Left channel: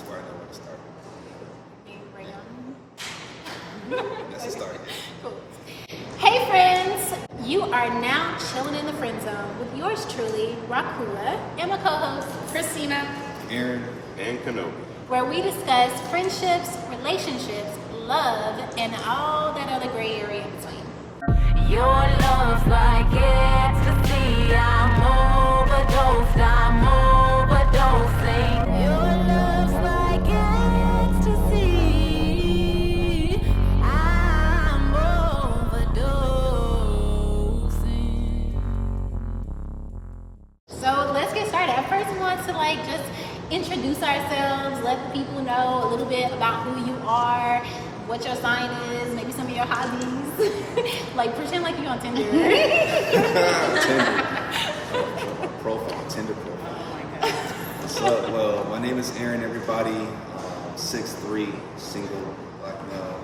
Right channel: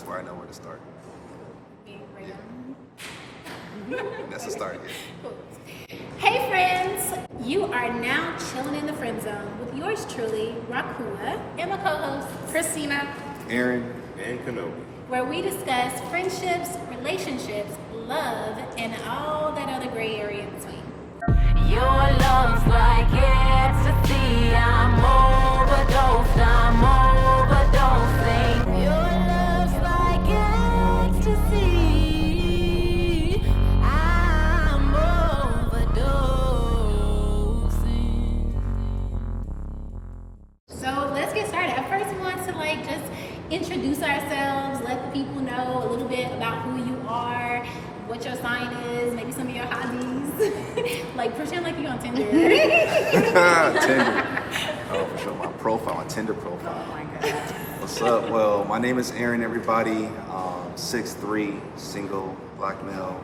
That's where I know where to start. That's the start, yeah. Cool. Hey friends, you are now chilling in the friend zone with yours truly, Rahkua, and my co-host, Christina, Arron, and Kenobiii, where we discuss friendships, relationships, love, and all that other gray area in between. Your love's like ecstasy. I'm overdosing. Your love's like ecstasy. I'm overdosing. So let's get started. I first want to just introduce ourselves, let the people know a little bit about who you are, what your sign is, maybe some of your hobbies. Pretend like you're on Tinder. Tinder. Oh, for sure. My Tinder profile. oh my God. What's up? Well, my name is Arron, everybody. 6'3", single, black male,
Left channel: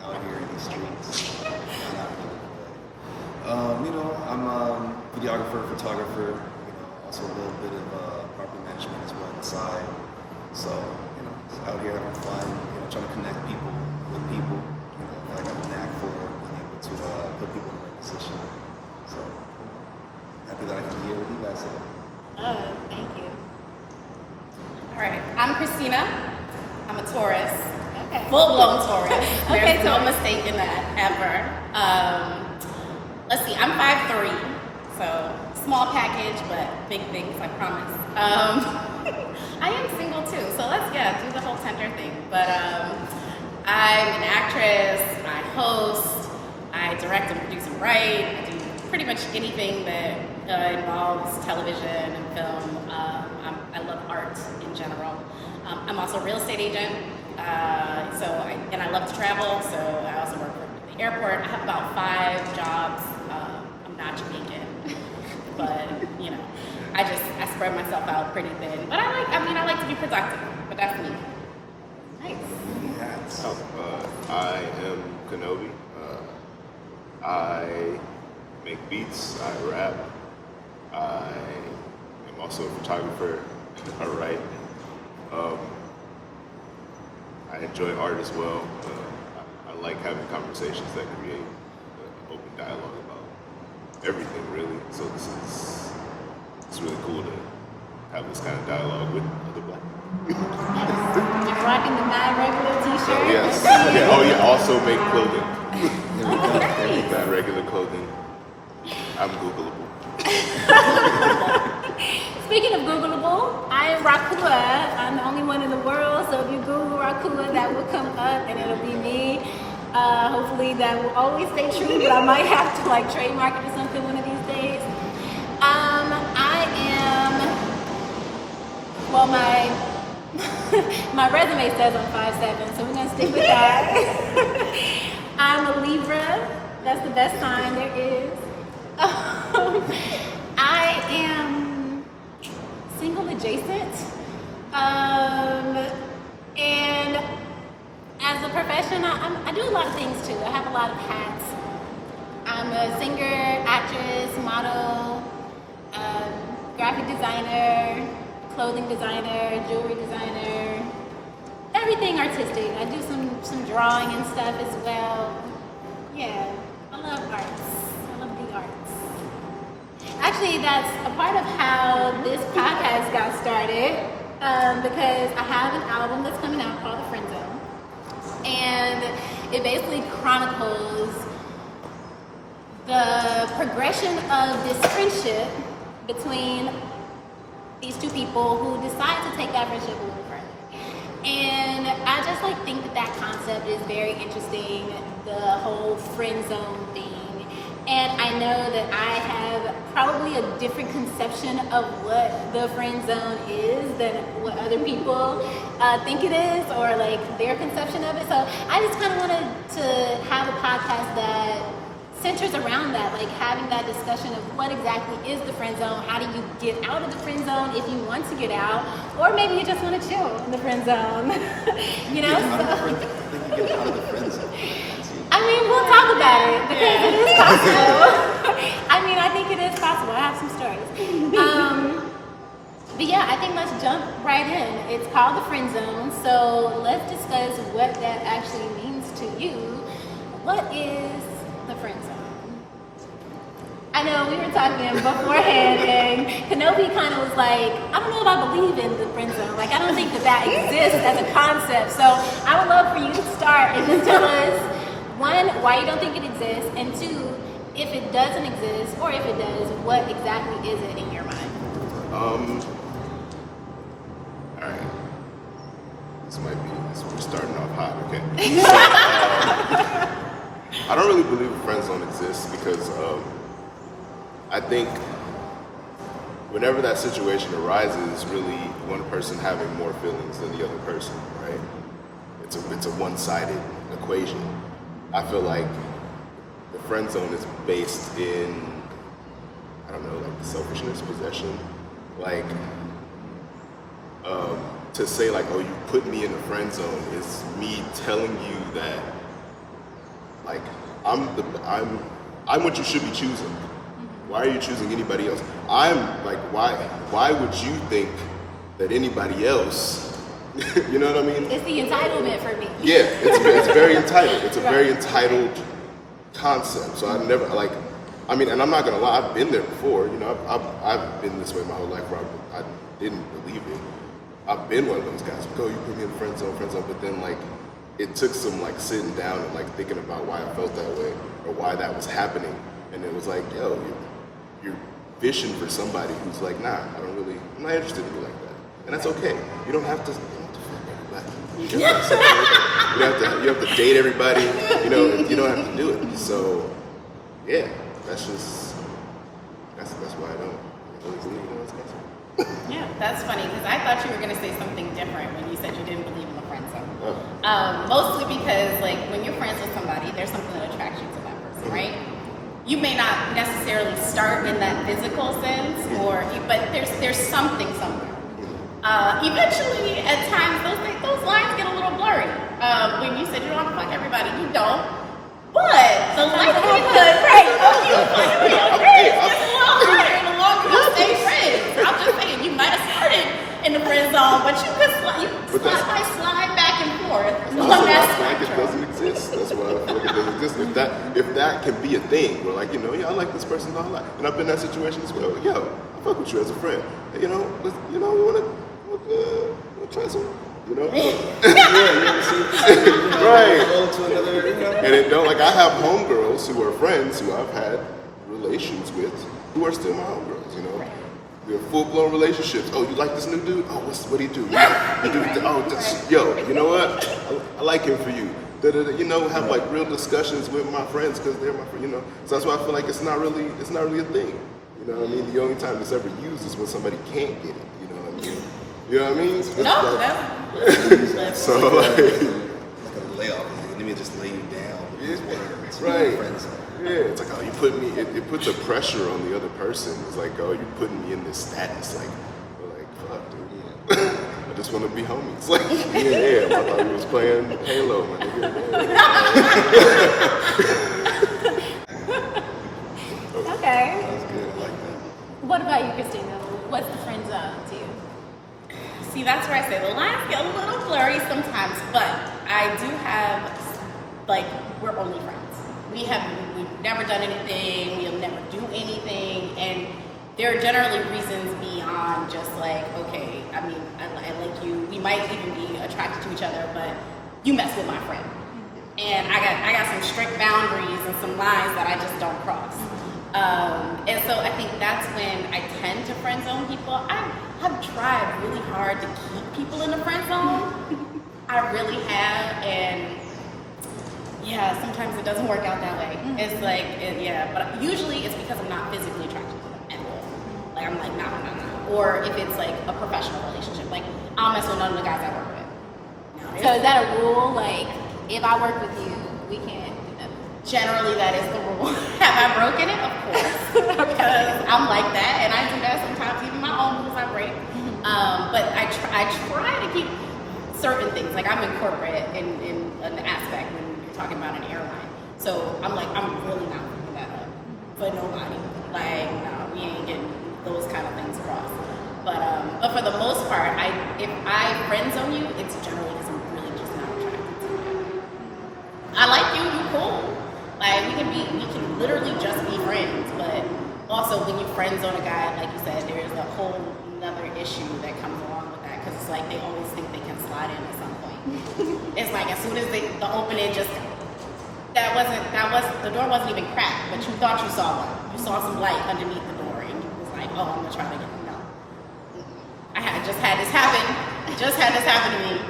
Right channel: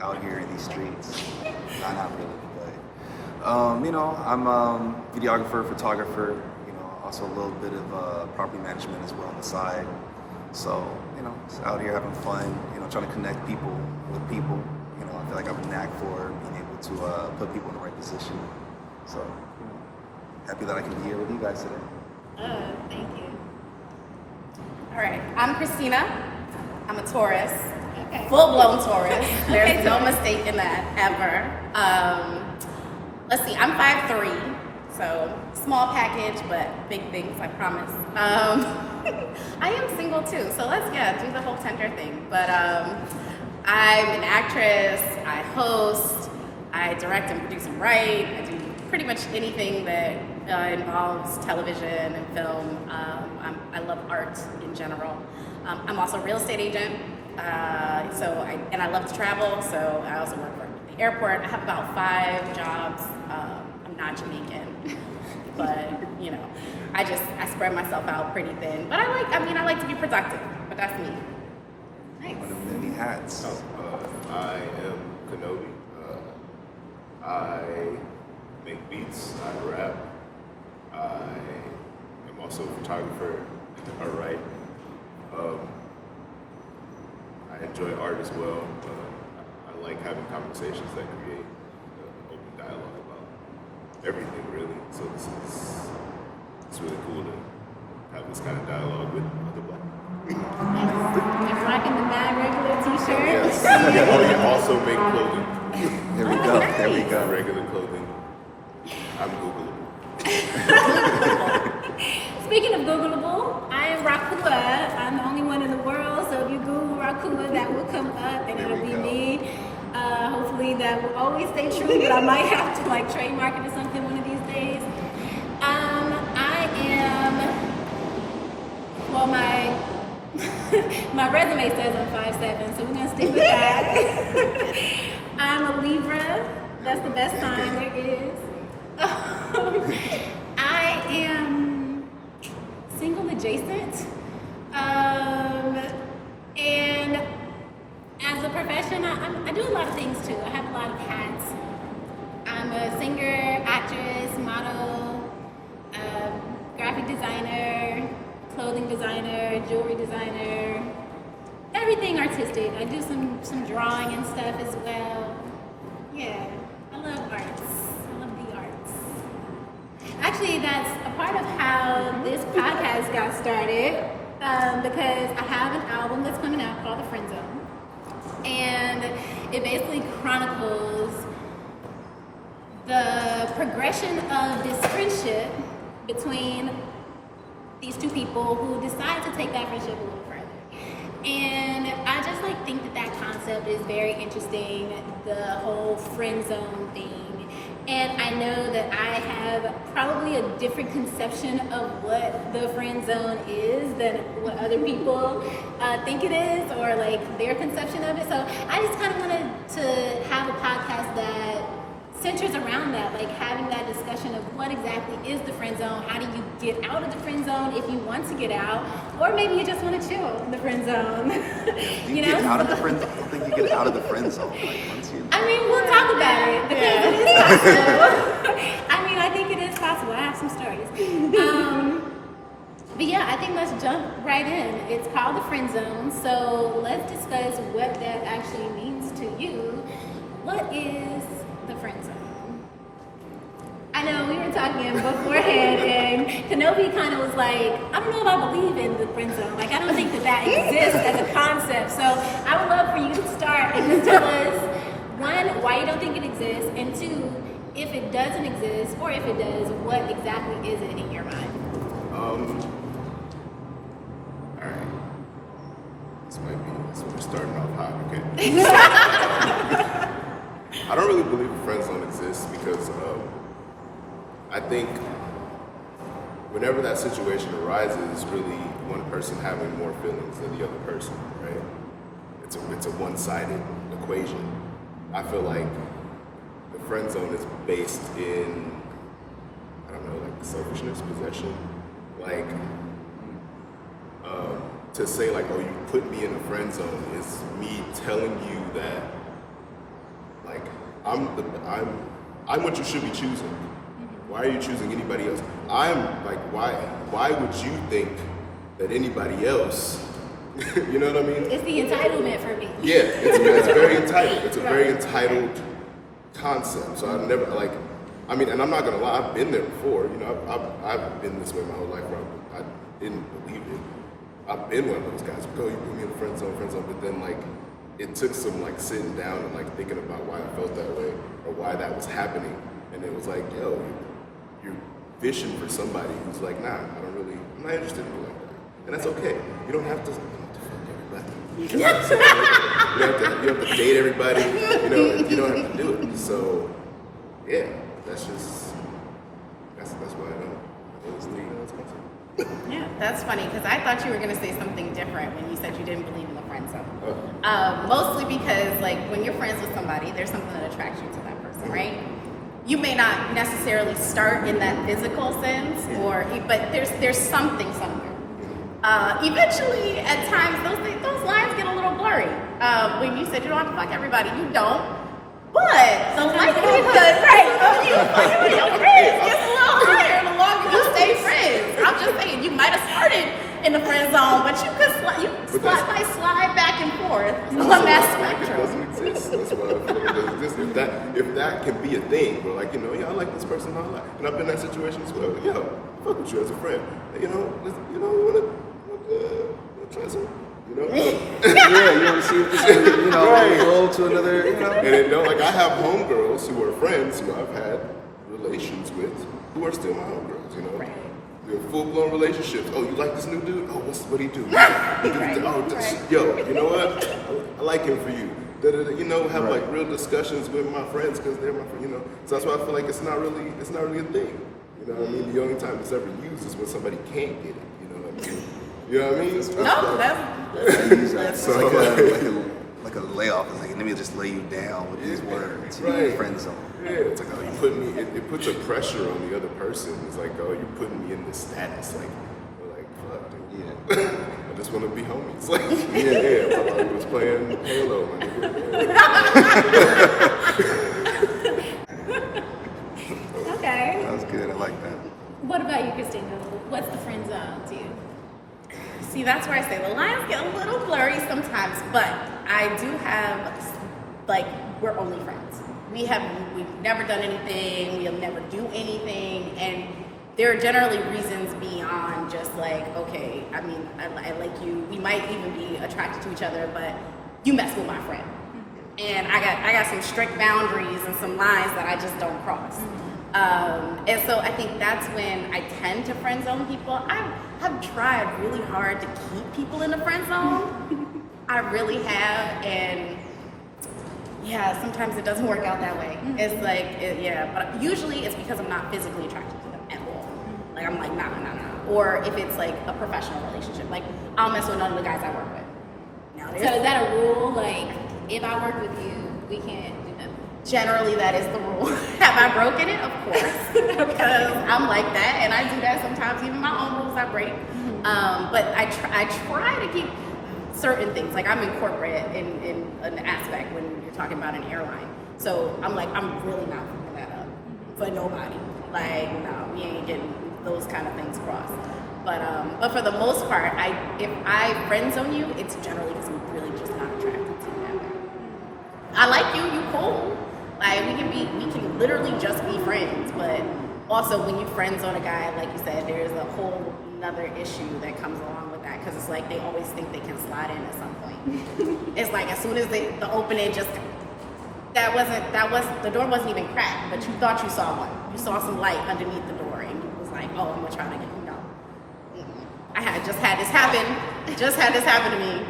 out here in these streets. Not really, but I'm a videographer, photographer. Also a little bit of property management as well on the side. So, just out here having fun. Trying to connect people with people. I feel like I have a knack for being able to put people in the right position. So, happy that I can be here with you guys today. Thank you. All right, I'm Christina. I'm a Taurus. Okay. Full-blown Taurus. There's Okay, no Taurus. mistake in that, ever. Let's see, I'm 5'3", so small package, but big things, I promise. I am single too, so let's do the whole Tinder thing. But I'm an actress, I host, I direct and produce and write. I do pretty much anything that involves television and film. I love art in general. I'm also a real estate agent, and I love to travel, so I also work for the airport. I have about 5 jobs. I'm not Jamaican, but I spread myself out pretty thin. But I like to be productive, but that's me. Nice. One of many hats. I am Kenobiii. I make beats, I rap, I am also a photographer, I write. I enjoy art as well, and I like having conversations that create an open dialogue about everything, really. So it's really cool to have this kind of dialogue with other black people. You're rocking the non-regular t-shirt. Yes. Oh, you also make clothing. There we go. There we go. Regular clothing. I'm Googleable. Speaking of Googleable, I am Rahkua. I'm the only one in the world, so if you Google Rahkua, that will come up and it'll be me. Hopefully that will always stay true, but I might have to trademark it or something one of these days. My resume says I'm 5'7", so we're gonna stick with that. I'm a Libra. That's the best sign there is. I am single adjacent. And as a profession, I do a lot of things too. I have a lot of hats. I'm a singer, actress, model, graphic designer, clothing designer, jewelry designer, everything artistic. I do some drawing and stuff as well. Yeah, I love arts. I love the arts. Actually, that's a part of how this podcast got started, because I have an album that's coming out called The FriendZone, and it basically chronicles the progression of this friendship between these two people who decide to take that friendship a little further. And I just think that concept is very interesting, the whole friend zone thing. And I know that I have probably a different conception of what the friend zone is than what other people think it is, or their conception of it. So I just kind of wanted to have a podcast that centers around that, having that discussion of what exactly is the friend zone, how do you get out of the friend zone if you want to get out, or maybe you just want to chill in the friend zone. I don't think you get out of the friend zone. We'll talk about it because it is possible. I think it is possible. I have some stories. But yeah, I think let's jump right in. It's called the friend zone, so let's discuss what that actually means to you. What is the friend zone? I know we were talking beforehand, and Kenobiii kind of was like, I don't know if I believe in the friend zone. Like, I don't think that exists as a concept. So I would love for you to start and just tell us, one, why you don't think it exists, and two, if it doesn't exist, or if it does, what exactly is it in your mind? Alright. This we're starting off hot, okay. I don't really believe FriendZone exists because I think whenever that situation arises, it's really one person having more feelings than the other person, right? It's a one-sided equation. I feel like the friend zone is based in, I don't know, like selfishness, possession. Like, to say like, oh, you put me in a friend zone is me telling you that, like, I'm what you should be choosing. Why are you choosing anybody else? I'm like, why would you think that anybody else? You know what I mean? It's the entitlement for me. Yeah, it's very entitled. It's a very entitled concept. So I never like. I mean, and I'm not gonna lie. I've been there before. You know, I've been this way my whole life. Where I didn't believe it. I've been one of those guys. Go, you put me in friend zone. But then like, it took some like sitting down and like thinking about why I felt that way or why that was happening. And it was like, yo, you're fishing for somebody who's like, nah, I'm not interested in you like that. And that's okay. You don't have to. You have to date everybody. You don't have to do it. So, yeah, that's why I don't believe in it. Yeah, that's funny because I thought you were going to say something different when you said you didn't believe in the friend zone. Mostly because, like, when you're friends with somebody, there's something that attracts you to that person, right? You may not necessarily start in that physical sense, but there's something somewhere. Eventually, at times, those lines get a little blurry. When you said you don't have to fuck everybody, you don't. But the likelihood, right, of you fucking with your friends gets a little higher the longer you stay friends. I'm just saying, you might have started in the friend zone, but you could slide back and forth on that spectrum. That's what I feel like exists. If that can be a thing, where like, yeah, I like this person, and I've been in that situation as well. Yeah, I fuck with you as a friend. And, we want to try some. Yeah, you want to see if this is, go to another, And like I have homegirls who are friends who I've had relations with who are still my homegirls, Right. We have full-blown relationships. Oh, you like this new dude? Oh, what do you do? Yo, you know what? I like him for you. Have like real discussions with my friends because they're my friends, So that's why I feel like it's not really a thing. You know what I mean? The only time it's ever used is when somebody can't get it. You know what I mean? You know what I mean? That's like a layoff. It's like, let me just lay you down with these words. Right. Friend zone. Yeah, it's like, oh, you put me. It puts a pressure on the other person. It's like, oh, you're putting me in this status. Like, fuck, dude. Yeah. I just want to be homies. Like, yeah. Like, we was playing Halo. Okay. That was good. I like that. What about you, Christina? What's the friend zone to you? See, that's where I say the lines get a little blurry sometimes, but I do have, like, we're only friends. We've never done anything, we'll never do anything, and there are generally reasons beyond just like, okay, I mean, I like you, we might even be attracted to each other, but you mess with my friend. And I got some strict boundaries and some lines that I just don't cross. And so I think that's when I tend to friend zone people. I have tried really hard to keep people in the friend zone. I really have, and yeah, sometimes it doesn't work out that way. It's like, but usually it's because I'm not physically attracted to them at all. Like, I'm like, nah. Or if it's like a professional relationship, like, I'll mess with none of the guys I work with. So is that a rule? Like, if I work with you, we can't do that? Generally, that is the rule. Have I broken it? Of course. Because I'm like that, and I do that sometimes. Even my own rules I break. But I try to keep certain things. Like, I'm in corporate in an aspect when you're talking about an airline. So I'm like, I'm really not picking that up for nobody. Like, no, we ain't getting those kind of things crossed. But for the most part, if I friend zone you, it's generally because I'm really just not attracted to you that way. I like you, you cool. Like we can literally just be friends, but also when you friend zone a guy, like you said, there's a whole another issue that comes along with that because it's like they always think they can slide in at some point. It's like as soon as the opening just the door wasn't even cracked, but you thought you saw one. You saw some light underneath the door, and you was like, "Oh, I'm gonna try to get no." I just had this happen to me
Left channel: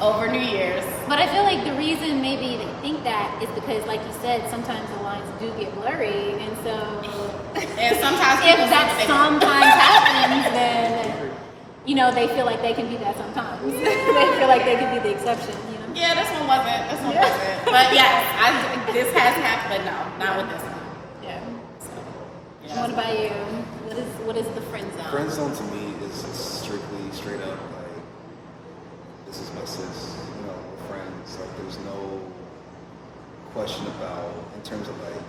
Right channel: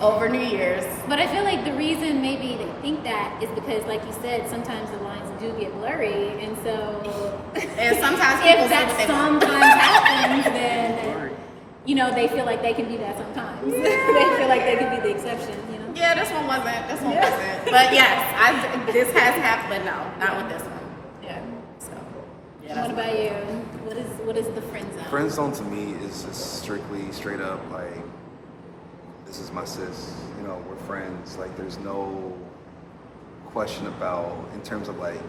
over New Year's. But I feel like the reason maybe they think that is because, like you said, sometimes the lines do get blurry, and so And sometimes if people that sometimes happens, then you know they feel like they can be that sometimes. They feel like they can be the exception. You know? Yeah, this one wasn't. But yes, this has happened, but no, not with this one. Yeah. So, What about you? What is the friend zone? Friend zone to me is strictly straight up like, this is my sis, you know, we're friends. Like there's no question about in terms of like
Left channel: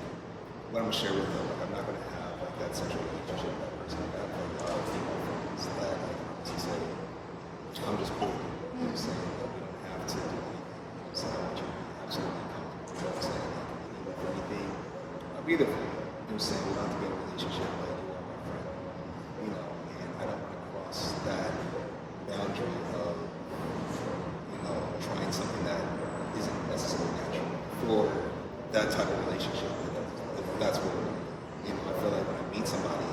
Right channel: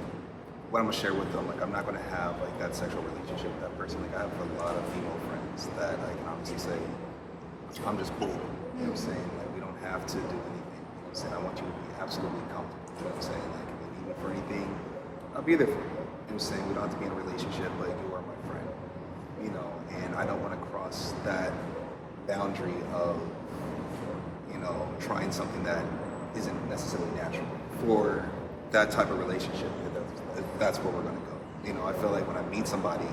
what I'm gonna share with them. Like I'm not gonna have like that sexual relationship with that person. Like I have a lot of female friends that I can honestly say, I'm just cool. You know what I'm saying? Like, we don't have to do anything. You know what I'm saying? I want you to be absolutely comfortable. You know what I'm saying? Like if you need me for anything, I'll be there for you. You know what I'm saying? We don't have to be in a relationship, but you are my friend. You know, and I don't want to cross that boundary of trying something that isn't necessarily natural for that type of relationship. If that's where we're going to go. You know, I feel like when I meet somebody,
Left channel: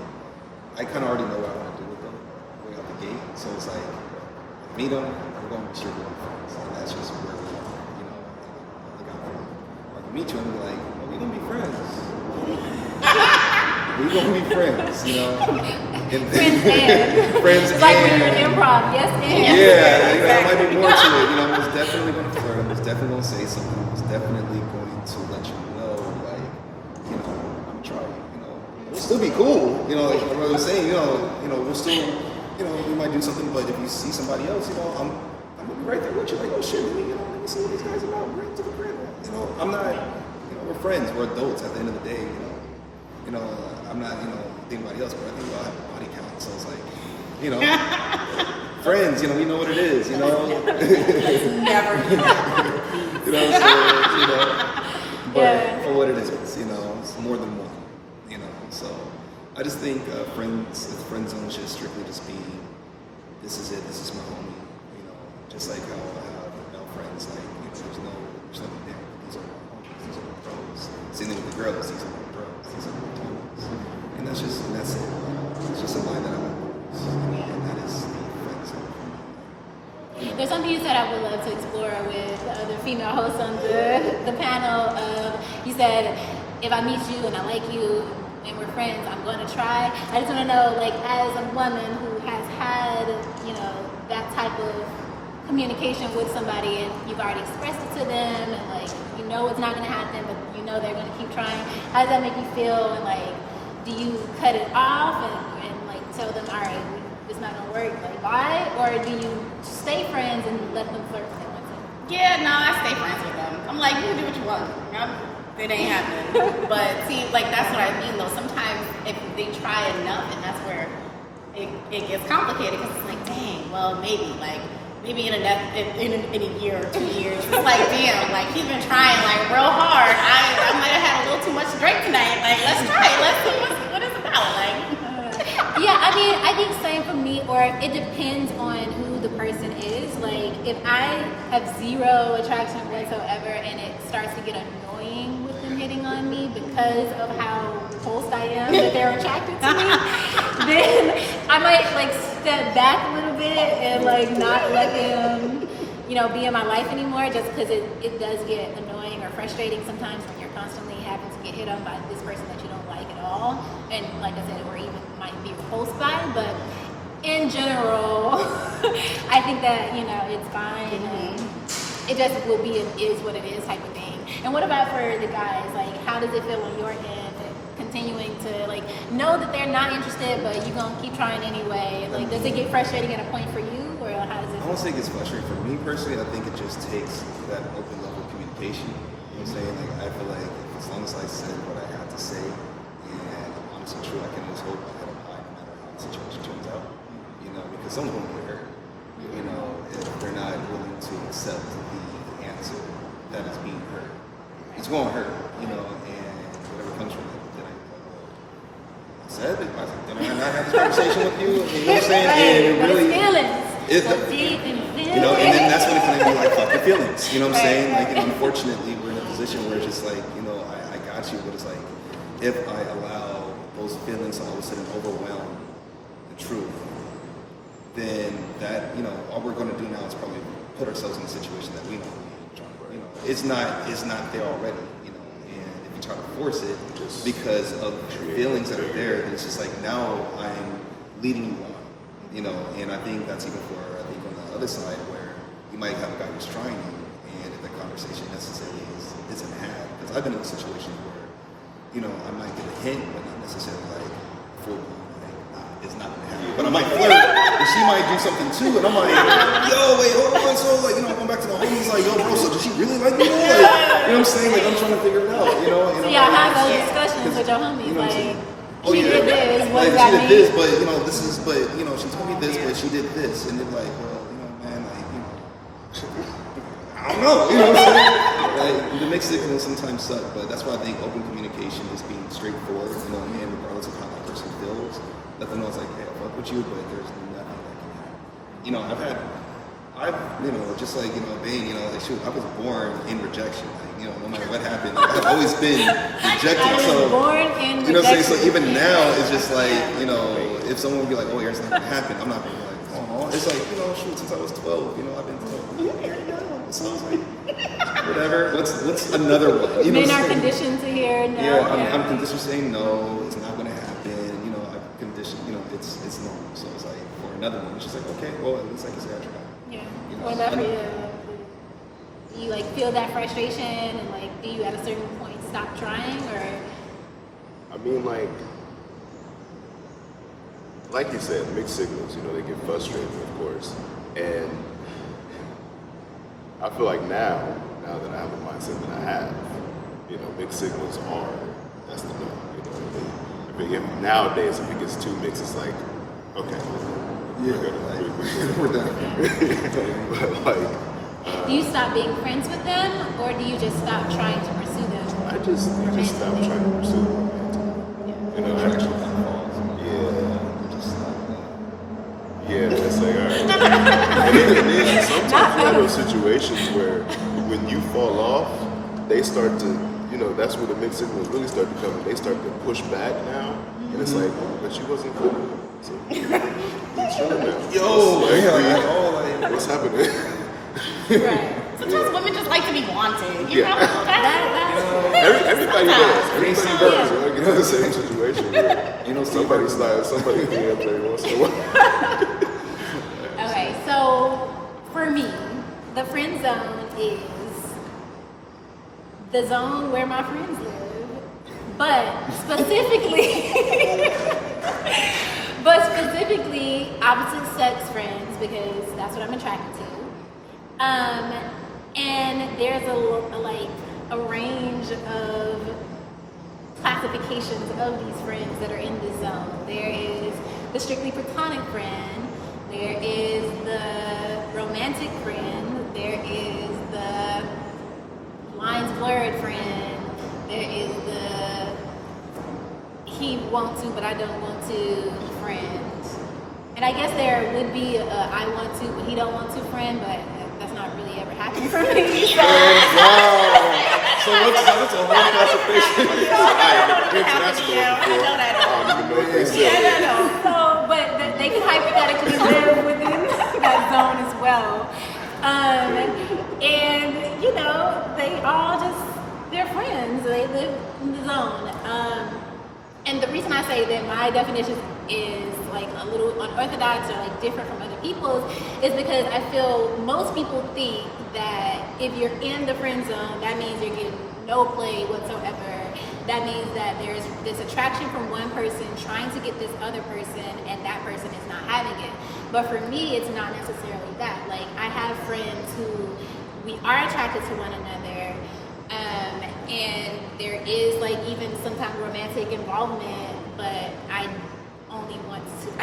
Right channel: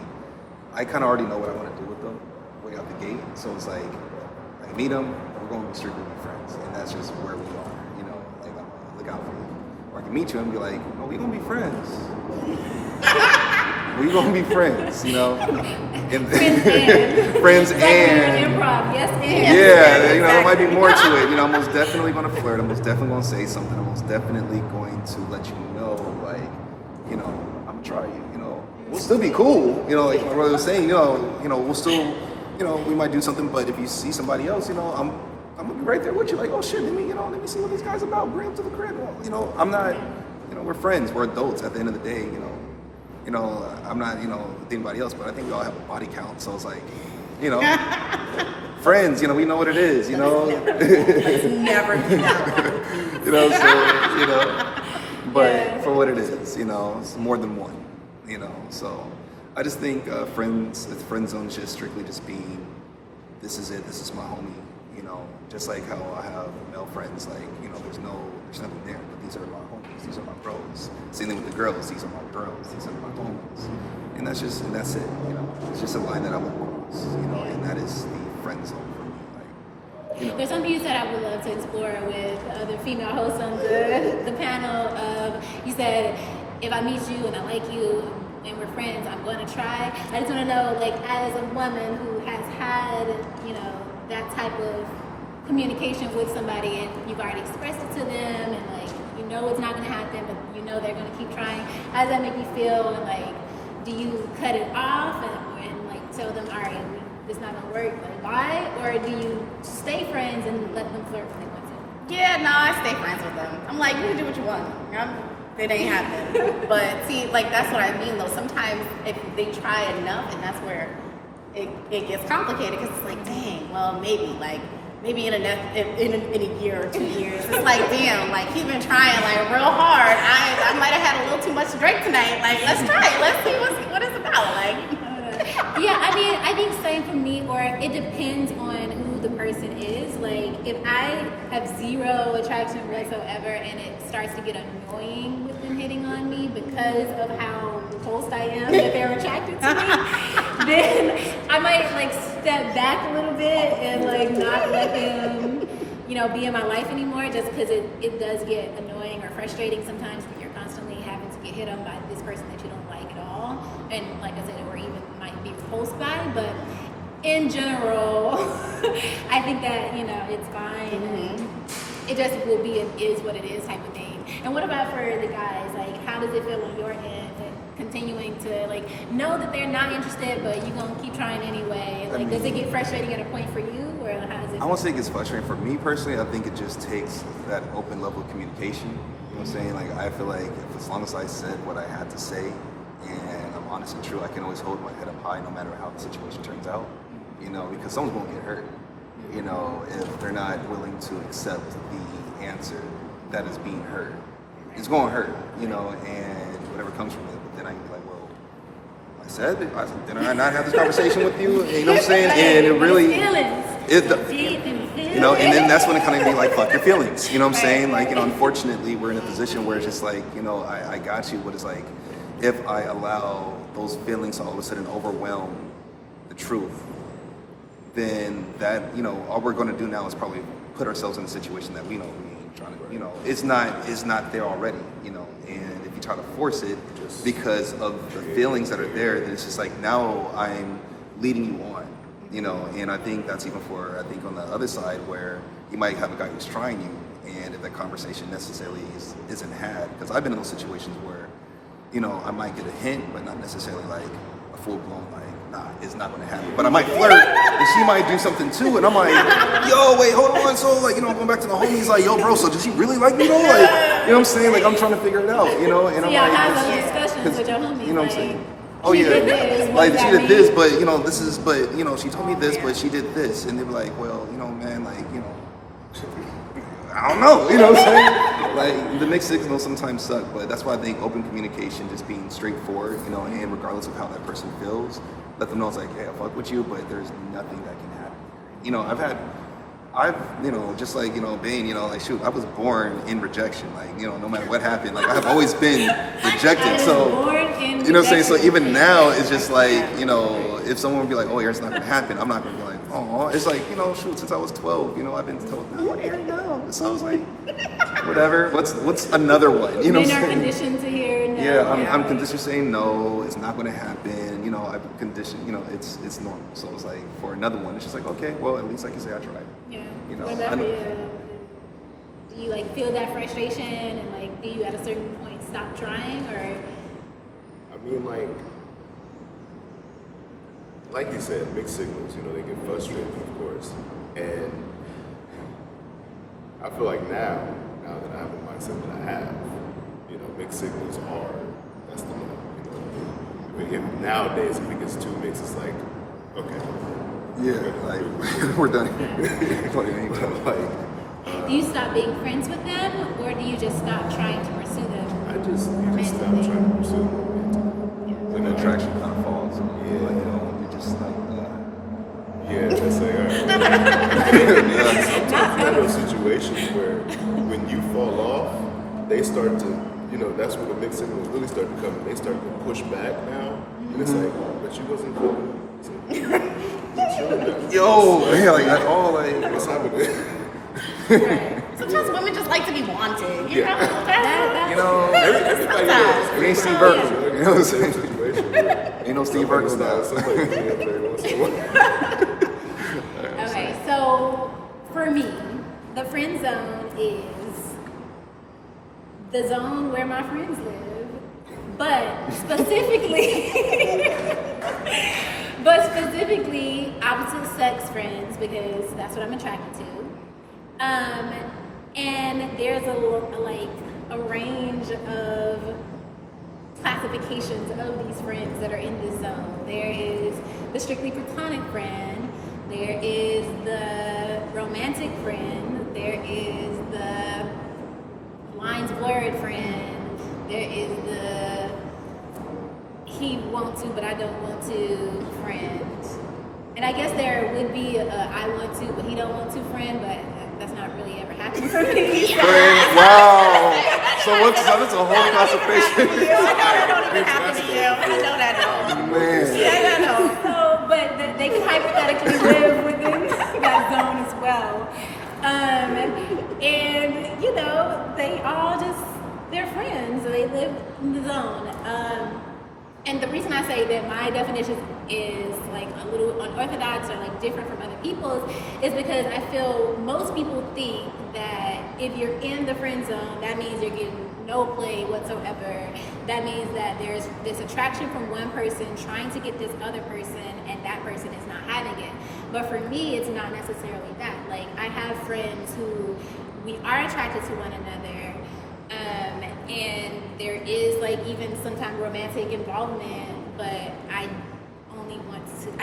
I kind of already know what I want to do with them way out the gate. So it's like, I meet them, and we're going to be strictly be friends, and that's just where we are. You know, and I'll look out for you. Or I can meet you and be like, oh, we're going to be friends. We're going to be friends, you know. Friends It's like when you're and in improv, yes and. yeah, you know, there might be more to it. You know, I'm most definitely going to flirt. I'm most definitely going to say something. I'm most definitely going to let you know, like, you know, I'm gonna try you. You know, we'll still be cool. You know, like my brother was saying. You know, we'll still, you know, we might do something. But if you see somebody else, you know, I'm gonna be right there with you. Like, oh shit, let me see what these guys about. Bring them to the crib. You know, I'm not. You know, we're friends. We're adults. At the end of the day, you know, I'm not, you know, anybody else, but I think we all have a body count. So it's like, you know, friends, you know, we know what it is, you know. Let's never do that. You know, so, you know, but for what it is, you know, it's more than one, you know. So I just think friend zone should strictly just be, this is it, this is my homie, you know, just like how I have male friends, like, you know, there's nothing there, but these are my homies, these are my bros. Same thing with the girls, these are my bros, these are my homies. And that's it, you know. It's just a line that I would cross, you know, and that is the friend zone for me. Like, you know. There's something you said I would love to explore with the other female hosts on the panel of, you said, if I meet you and I like you and we're friends, I'm going to try. I just want to know, like, as a woman who has had, you know, that type of communication with somebody and you've already expressed it to them and, like, you know it's not going to happen, but you know they're going to keep trying. How does that make you feel? And, like, do you cut it off and like, tell them, all right, it's not gonna work, like, bye? Or do you stay friends and let them flirt with them? Yeah, no, I stay friends with them. I'm like, you can do what you want. It ain't happening. But see, like, that's what I mean, though. Sometimes if they try enough, and that's where it gets complicated, because it's like, dang, well, maybe in a year or 2 years, it's like, damn, like, he's been trying, like, real hard. I might have had a little too much to drink tonight. Like, let's try it. Let's see what it's about. Like, Yeah, I mean, I think same for me, or it depends on who the person is. Like, if I have zero attraction whatsoever and it starts to get annoying with them hitting on me because of how repulsed I am that they're attracted to me, then I might, like, step back a little bit and, like, not let them, you know, be in my life anymore, just because it does get annoying or frustrating sometimes when you're constantly having to get hit on by this person that you don't like at all, and like I said, or even might be repulsed by. But in general, I think that, you know, it's fine. It just will be an is what it is type of thing. And what about for the guys? Like, how does it feel on your end and continuing to, like, know that they're not interested, but you're gonna keep trying anyway? Like, does it get frustrating at a point for you, or how does it? I won't say it gets frustrating. For me personally, I think it just takes that open level of communication. You know what I'm saying? Like, I feel like as long as I said what I had to say and I'm honest and true, I can always hold my head up high no matter how the situation turns out. you know, because someone's going to get hurt, you know, if they're not willing to accept the answer that is being heard. It's going to hurt, you know, and whatever comes from it. But then I can be like, well, did I not have this conversation with you? You know what I'm saying? And it really, you know, and then that's when it kind of be like, fuck your feelings. You know what I'm saying? Like, you know, unfortunately, we're in a position where it's just like, you know, I got you, but it's like, if I allow those feelings to all of a sudden overwhelm the truth, then that, you know, all we're going to do now is probably put ourselves in a situation that we don't need trying to go. You know, it's not there already, you know, and if you try to force it because of the feelings that are there, then it's just like, now I'm leading you on, you know, and I think that's even for, I think on the other side where you might have a guy who's trying you, and if that conversation necessarily isn't had, because I've been in those situations where, you know, I might get a hint, but not necessarily like a full-blown, like, nah, it's not gonna happen. But I might flirt, and she might do something too, and I'm like, yo, wait, hold on. So, like, you know, going back to the homies, like, yo, bro, so does she really like me though? Like, you know what I'm saying? Like, I'm trying to figure it out, you know? And I'm Yeah, like, have those discussions with your homies. you know what I'm like, saying? Oh yeah, did this, what like does she that did this, mean? but you know, this is, but you know, she told me this, but she did this, and they were like, well, you know, man, like, you know, I don't know, you know what I'm saying? Like, the mixed signals sometimes suck, but that's why I think open communication, just being straightforward, you know, and regardless of how that person feels, let them know it's like, hey, I fuck with you, but there's nothing that can happen. You know, I've, you know, just like, you know, being, you know, like, shoot, I was born in rejection. Like, you know, no matter what happened, like, I've always been rejected. So, you know what I'm saying? So even now, it's just like, you know, if someone would be like, oh, it's not gonna happen, I'm not gonna be like, oh, it's like, you know, shoot, since I was 12, you know, I've been told, like, here you go. It sounds like, whatever. What's another one? You know what I'm Men are saying? conditioned to hear no. Yeah, I'm conditioned to saying no, it's not gonna happen, you know, I've conditioned, you know, it's normal. So it's like, for another one, it's just like, okay, well, at least I can say I tried. Yeah. You know, What about for you? Do you like feel that frustration and like do you at a certain point stop trying or? I mean, like you said, mixed signals, you know, they get frustrated, of course. And I feel like now that I have a mindset that I have, you know, mixed signals are, that's the norm, you know. I mean, nowadays, if it gets too mixed, it's like, okay. Yeah, like, we're done. Do you stop being friends with them or do you just stop trying to pursue them? I just stop trying to pursue them. And the attraction kind of falls. Yeah. You just stop. Yeah, that's it. Yeah, sometimes you have those situations where when you fall off, they start to, you know, that's where the mixed signals really start to come. They start to push back now. And it's like, but you wasn't feeling it. Yo, yeah, like that's all like. What's happening? Right. Sometimes women just like to be wanted, you know? You know, Everybody does. we ain't Steve Burton. You know what I'm Same saying? situation. Yeah. Ain't no Steve Burton style. Somebody feel up there once in a while. Okay, so for me, the friend zone is the zone where my friends live, but specifically opposite sex friends because that's what I'm attracted to. And there's a range of classifications of these friends that are in this zone. There is the strictly platonic friend, there is the romantic friend, there is the lines blurred friend, there is the he want to but I don't want to friend. And I guess there would be a I want to but he don't want to friend, but that's not really ever happened for me. Wow. So that's a whole classification. I know that don't even happen to you. I know that don't. Man. Yeah, I know. So, but they can hypothetically live within that zone as well. And you know, they're friends. They live in the zone. And the reason I say that my definition is like a little unorthodox or like different from other people's is because I feel most people think that if you're in the friend zone, that means you're getting no play whatsoever. That means that there's this attraction from one person trying to get this other person and that person is not having it. But for me, it's not necessarily that. Like, I have friends who we are attracted to one another, and there is like even sometimes romantic involvement, but I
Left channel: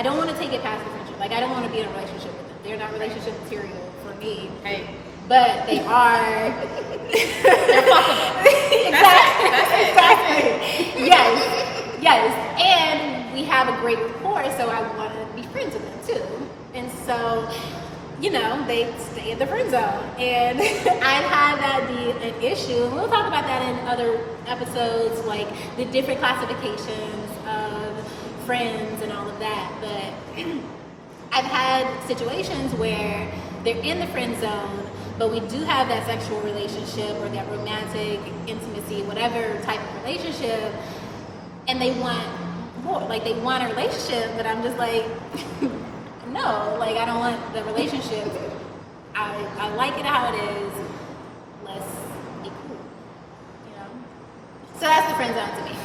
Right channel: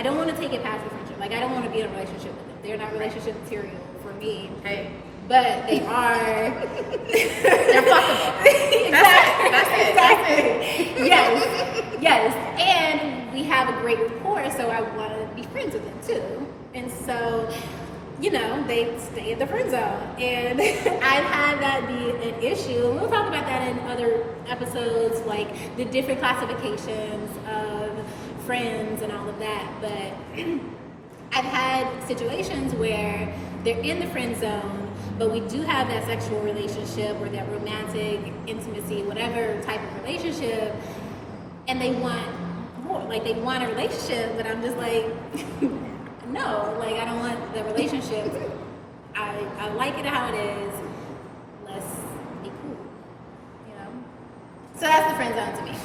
don't want to take it past the friendship. Like, I don't want to be in a relationship with them. They're not relationship material for me. Hey. But they are. They're fuckable. Exactly. That's it. Yes. And we have a great rapport, so I want to be friends with them too. And so, you know, they stay in the friend zone. And I've had that be an issue. We'll talk about that in other episodes, like the different classifications of friends and all of that. But I've had situations where they're in the friend zone, but we do have that sexual relationship or that romantic intimacy, whatever type of relationship, and they want more. Like, they want a relationship, but I'm just like, no, like, I don't want the relationship. I like it how it is. Let's be cool, you know? So that's the friend zone to me.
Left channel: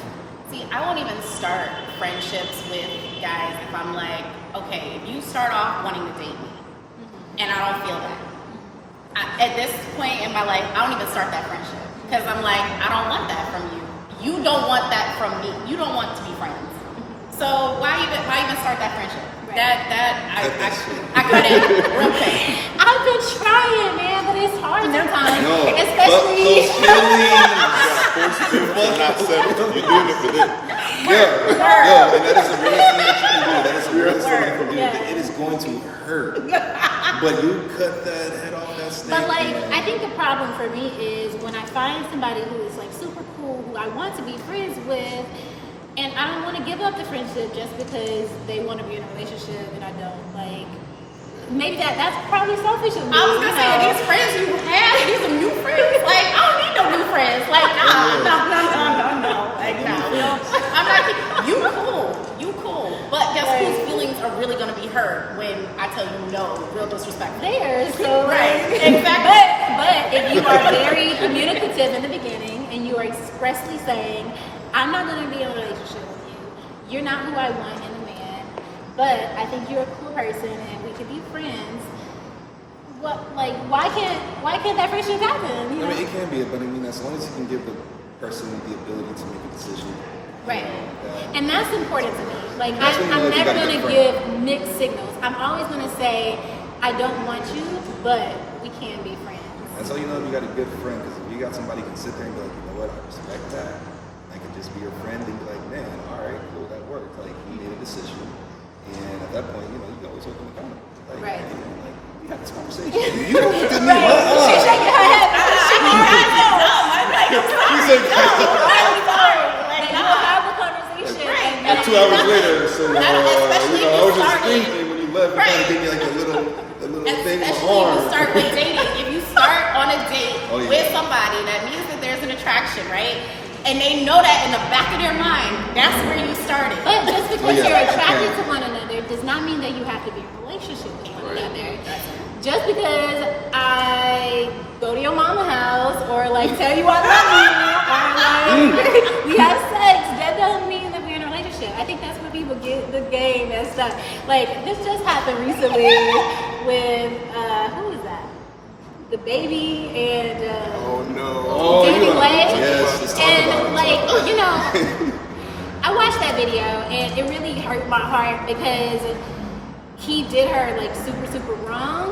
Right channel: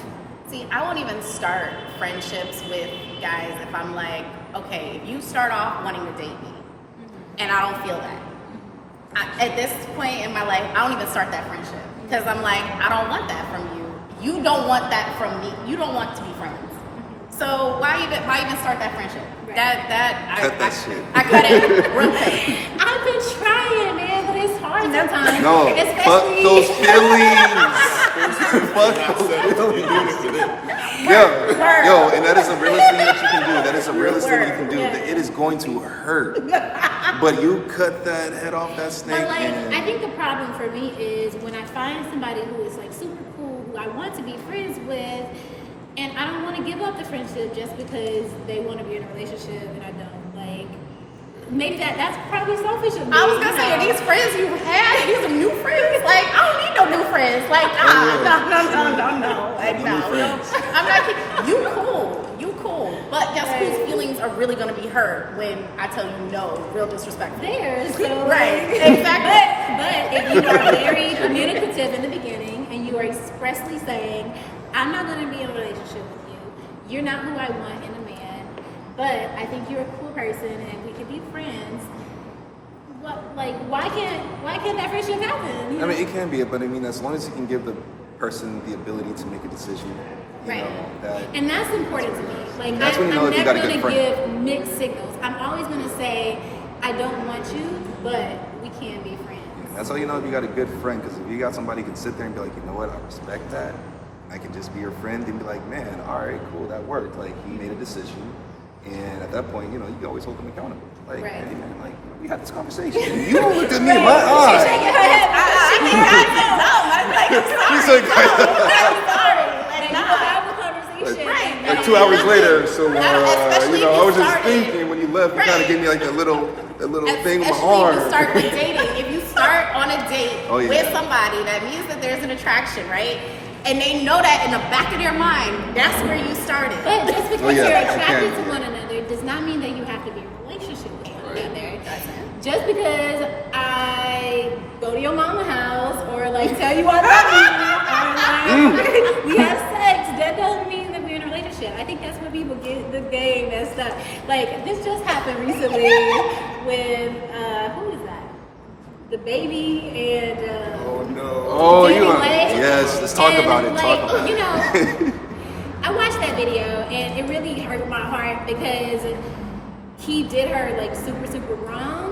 See, I won't even start friendships with guys if I'm like, okay, if you start off wanting to date me, and I don't feel that. At this point in my life, I don't even start that friendship because I'm like, I don't want that from you. You don't want that from me. You don't want to be friends. So why even start that friendship? Right. I cut it real quick. I've been trying, man, but it's hard sometimes. No, fuck especially those feelings. Fuck those feelings. Yeah, yo, and that is the realest thing that you can do. That is the realest thing you can do. Yeah. It is going to hurt, but you cut that head off that snake. But like, and I think the problem for me is when I find somebody who is like super cool, who I want to be friends with, and I don't want to give up the friendship just because they want to be in a relationship and I don't. Like, maybe that's probably selfish of me. I was gonna say, are these friends you had? These are new friends? Like, I don't need no new friends. Like, no. Like, no. I'm not kidding. You cool. But guess whose feelings are really gonna be hurt when I tell you no, real disrespectful. There, so Right, exactly. But if you are very communicative in the beginning and you are expressly saying, I'm not going to be in a relationship with you. You're not who I want in a man, but I think you're a cool person and we could be friends. Well, like, why can't that friendship happen? I mean, it can be, but I mean, as long as you can give the person the ability to make a decision, you Right. know, And that's important to me. Like, That's when you know I'm if you never got a going good to friend. give mixed signals. I'm always going to say, I don't want you, but we can be friends. that's how you know if you got a good friend. Because if you got somebody who can sit there and be like, you know what, I respect that. I can just be your friend and be like, man, all right, cool, that worked. Like, he made a decision, and at that point, you know, you can always hold them accountable. Like, Right. hey, man, like, we had this conversation. You don't look at me in my eyes. I'm sorry. Like, You nah. have a conversation. Right. Like 2 hours later, so Especially you know, if I was you just started. thinking when you left, you kind Right. of gave me like a little thing on my Especially arm. if you start with dating. If you start on a date Oh, yeah. with somebody, that means that there's an attraction, right? And they know that in the back of their mind, that's where you started. But just because Oh, yeah, you're it attracted can. to one another does not mean that you have to be in a relationship with one another. Just because I go to your mama's house or like tell you I love you, or like we have sex, that doesn't mean that we're in a relationship. I think that's where people get the game messed up. Like, this just happened recently with who is that? The baby and Oh no. Oh, you are. Anyway, Yes, let's talk and, about it. Like, Talk about you it. know, I watched that video and it really hurt my heart because he did her like super wrong.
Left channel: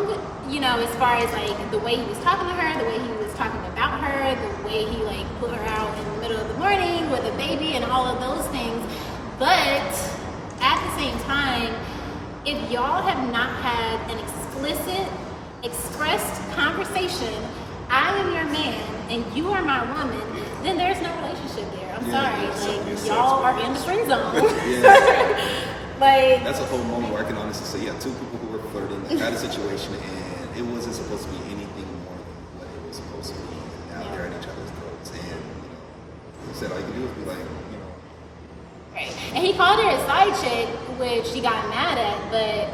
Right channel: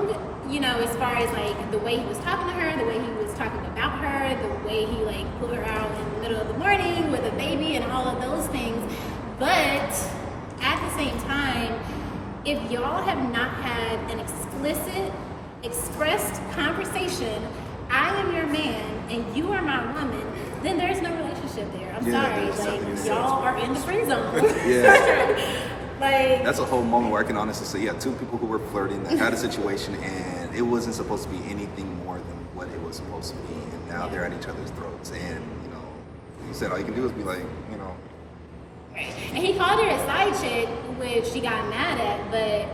You know, as far as like the way he was talking to her, the way he was talking about her, the way he like put her out in the middle of the morning with a baby and all of those things. But at the same time, if y'all have not had an explicit, expressed conversation, I am your man and you are my woman, then there's no relationship there. I'm Yeah, sorry. there's definitely Like, y'all are in the friend zone. Yeah. Like, That's a whole moment where I can honestly say, yeah, two people who were flirting, that had a situation, and it wasn't supposed to be anything more than what it was supposed to be, and now they're at each other's throats. And you know, he said all you can do is be like, you know, right. And he called her a side chick, which she got mad at. But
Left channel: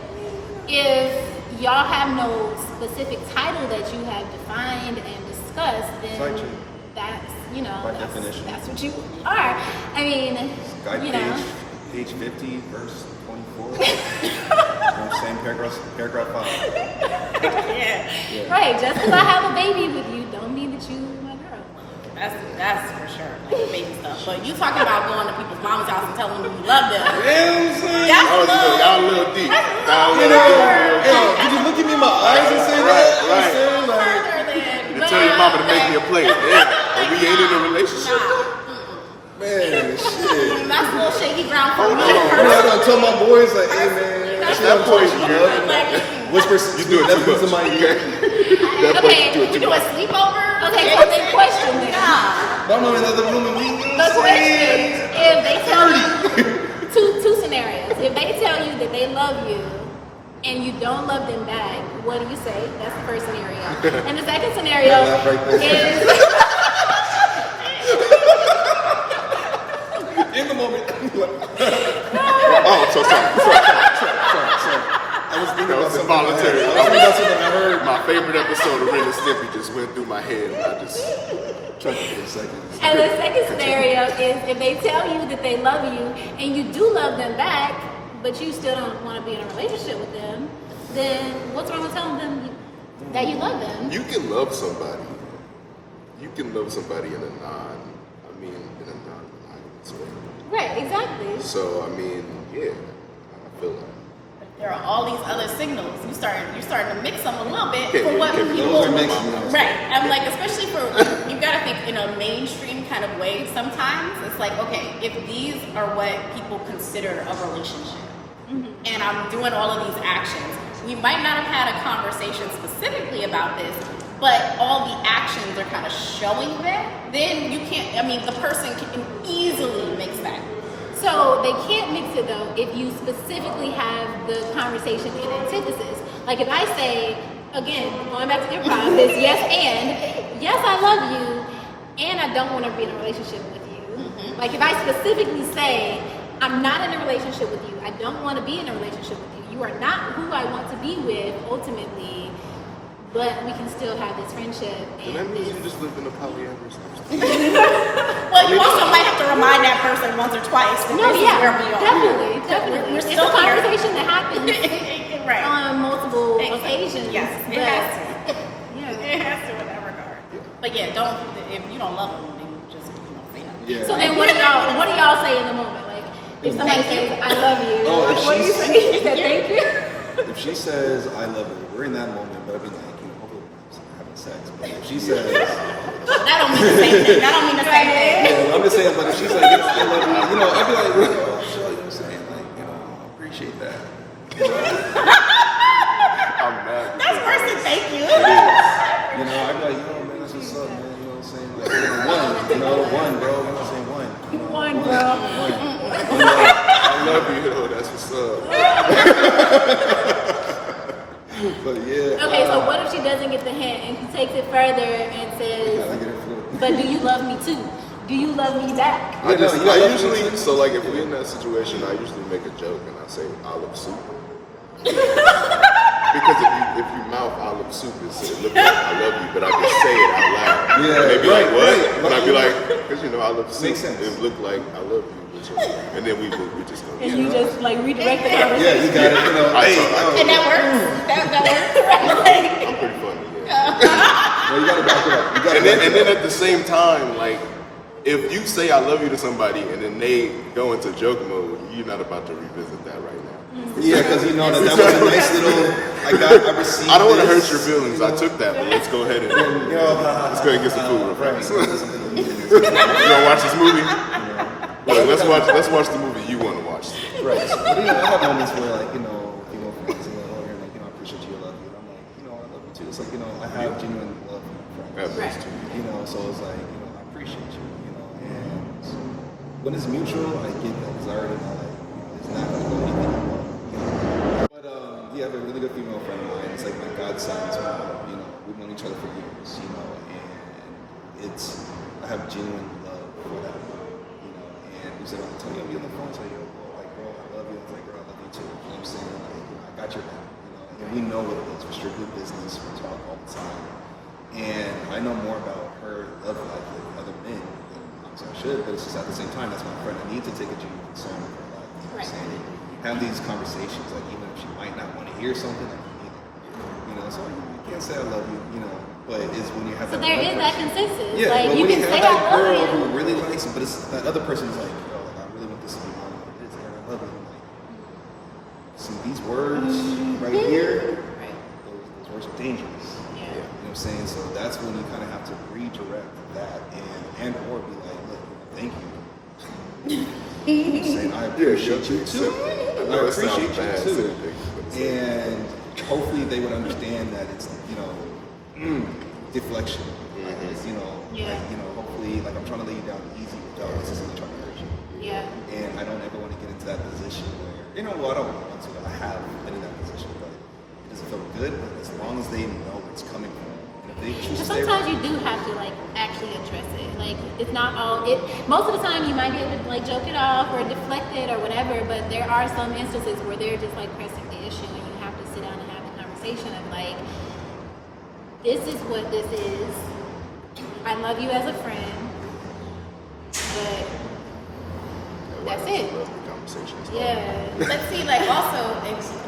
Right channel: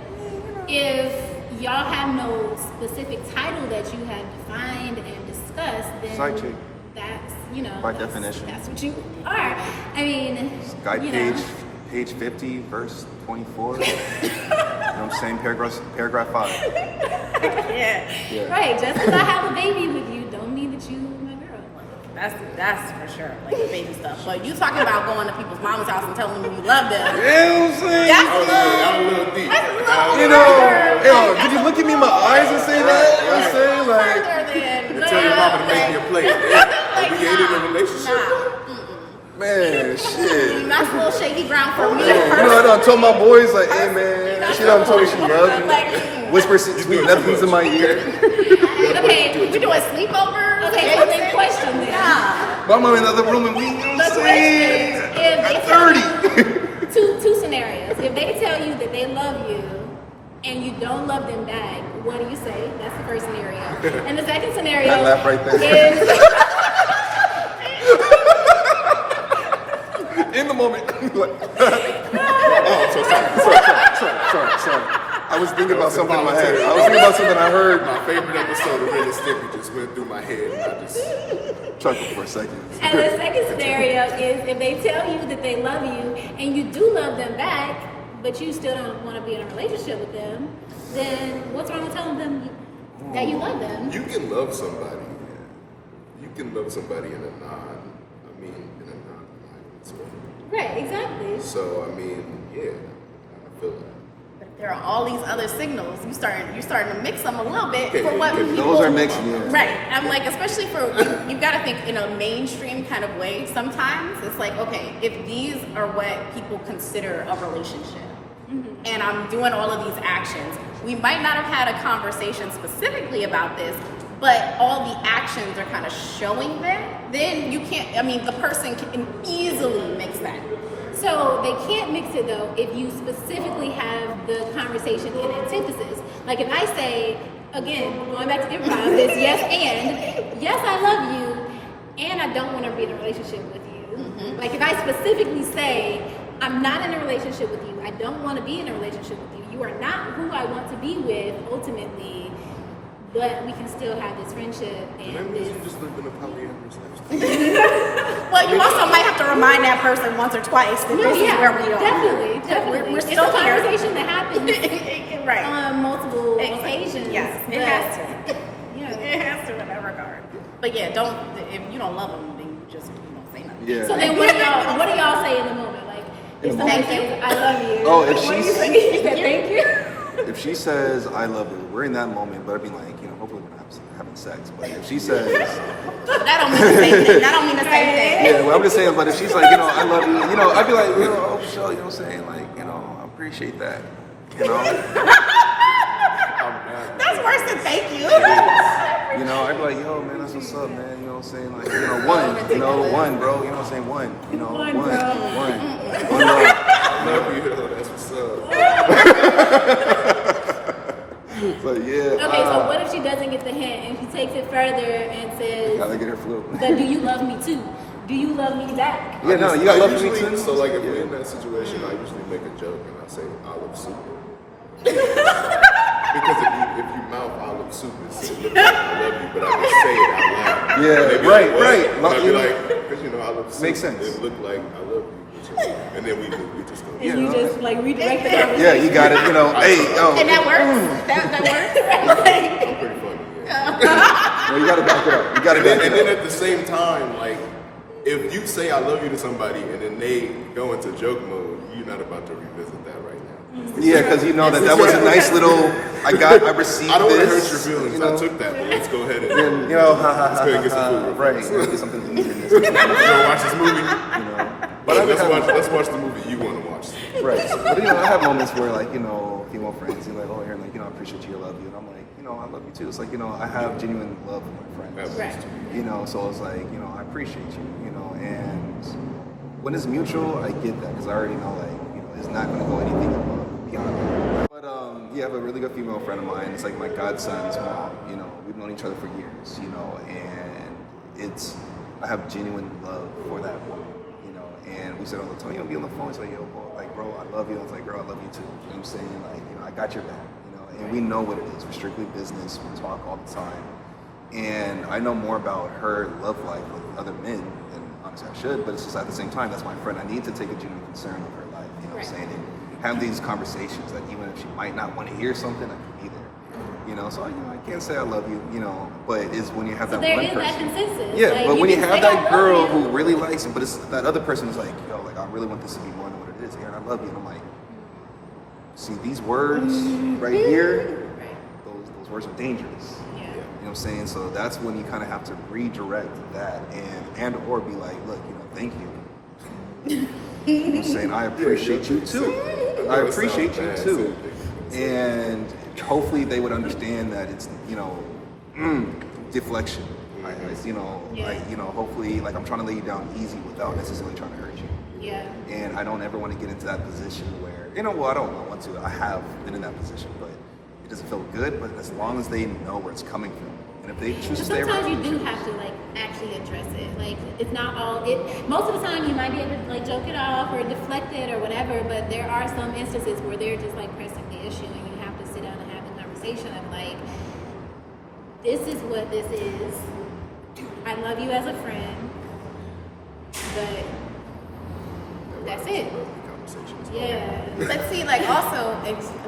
if y'all have no specific title that you have defined and discussed, then Side chick. that's, you know, By that's- definition. that's what you are. I mean, guide you know. page 50, verse 24. You know what I'm saying? Paragraph 5. Yeah. Yeah. Right, just because I have a baby with you don't mean that you my girl. That's for sure, like the baby stuff. But you talking about going to people's mama's house and telling them you love them. You know what I'm saying? That's I was a little deep. That's a little You know, further. yo, did you look at me in my eyes and say that? You know what I'm saying? Like, Further than. You tell your mama to make me a plate. Yeah. And we ain't in a relationship. man, shit. That's a little shaky ground for me You know, I personally. done told my boys, like, hey, man, she done told me she loved me. Like, Whisper some sweet nothings in my ear. okay, we doing sleepovers. Okay, so then question then. Nah. But I'm in another room and we, you know what I'm saying? If they 30. two scenarios. If they tell you that they love you and you don't love them back, what do you say? That's the first scenario. And the second scenario That laugh right there. is In the moment. Oh, so sorry. Sorry. I was thinking about something in my head. Voluntary. I was thinking about something I heard. My favorite episode of Ren and Stimpy just went through my head. And I just Chuckle for a second. and the second scenario is if they tell you that they love you and you do love them back, but you still don't want to be in a relationship with them, then what's wrong with telling them that you love them? you can love somebody. You can love somebody in a non-monogamous way. Right, exactly. So I mean, yeah, I feel like. But there are all these other signals. You're starting to mix them a little bit Okay, for what those people. are mixed, yeah. Right. I'm like, especially for you got to think in a mainstream kind of way. Sometimes it's like, okay, if these are what people consider a relationship, and I'm doing all of these actions, we might not have had a conversation specifically about this, but all the actions are kind of showing that. Then you can't. I mean, the person can easily mix that. So they can't mix it though if you specifically have the conversation in antithesis. Like if I say, again, going back to your promise, yes, I love you, and I don't want to be in a relationship with you. Like if I specifically say, I'm not in a relationship with you, I don't want to be in a relationship with you, you are not who I want to be with ultimately, but we can still have this friendship. And that And means you just live in a polyamorous lifestyle. Well, you also might have to remind that person once or twice that this is where we are. definitely. We're It's still a here. conversation that happens Right. on multiple Exactly. occasions. Yes, it but- has to. Yeah. It has to in that regard. But yeah, don't if you don't love them, then you just say nothing. Yeah. So then what do y'all say in the moment? Like if In the somebody moment. says, I love you. Oh, if what do you she's- say? You said, thank you. If she says, I love you, we're in that moment, but I'd be like, you know, hopefully we're not having sex. But if she says, That don't mean the same thing. That don't mean the same thing. yeah, well, I'm just saying, but if she's like, you know, I love you, you know, I'd be like, oh, sure, you know what I'm saying? Like, you know, I appreciate that. You know? I'm mad. That's worse than thank you. You know, I'd be like, yo, man, that's what's up, man. You know what I'm saying? Like, you know, one, bro. You know what I'm saying? One. You know, One, one. bro. One love. I love you. Oh, that's what's up. But yeah. Okay, so what if she doesn't get the hint and she takes it further and says, Gotta get her flu. but do you love me too? Do you love me back? Yeah, no, you gotta love me usually, too. So like if you're in that situation, I usually make a joke and I say olive soup. Because if you mouth olive soup, it look like I love you, but I can say it out loud. Yeah, And they'll be right, like, what? right. And I'll be like, because you know olive soup. Makes sense. It look like I love you, but you know, and then we just go. And you just like redirect the conversation. Yeah, you got it. You know, hey, And that works. That works. Pretty funny, yeah. no, you gotta back it up. You gotta And back then, it up. at the same time, like, if you say I love you to somebody and then they go into joke mode, you're not about to revisit that right now. Yeah, because you know that was a nice little. I received I don't want to hurt this. your feelings. I took that, but let's go ahead and You know, let's go ahead and get some food. right? There's something to do in this. You wanna watch this movie? But Let's watch the movie you want to watch. Right. So, but you know, I have moments where like, you know, female friends, they're like, oh, Aaron, like, you know, I appreciate you, I love you. And I'm like, you know, I love you too. It's like, you know, I have genuine love for my friends. Right. You know, so it's like, you know, I appreciate you, you know, and when it's mutual, I get that because I already know that, you know, it's not going to go anything beyond that. But yeah, I have a really good female friend of mine. It's like my godson's mom. You know, we've known each other for years, you know, and I have genuine love for that woman, you know, and we said all the time, you know, be on the phone, it's like, yo, bro, I love you. I was like, girl, I love you too. You know what I'm saying? Like, you know, I got your back, you know, and we know what it is. We're strictly business. We talk all the time. And I know more about her love life with other men than honestly I should, but it's just at the same time, that's my friend. I need to take a genuine concern of her life, you know what I'm saying? And have these conversations, like even if she might not want to hear something, I can be there. You So I can't say I love you, but it's when you have that There one is person. that consensus. Yeah, Like, but you when you can have say, "I that love girl you." who really likes you, but it's that other person is like, I really want this to be more than what it is, Aaron, I love you. And I'm like, see, these words right here, those words are dangerous. Yeah. You know what I'm saying? So that's when you kind of have to redirect that and or be like, look, thank you. You know what I'm saying? I appreciate you too. I appreciate you too. And hopefully they would understand that it's, deflection. Hopefully, like, I'm trying to lay you down easy without necessarily trying to hurt you. Yeah. And I don't ever want to get into that position where, I don't want to. I have been in that position, but it doesn't feel good. But as long as they know where it's coming from, and if they choose to stay Sometimes around, you do have to actually address it. Like, it's not all it. Most of the time, you might be able to joke it off or deflect it or whatever. But there are some instances where they're just pressing the issue, and you have to sit down and have the conversation of this is what this is. I love you as a friend, but that's it. Yeah. Let's see, also,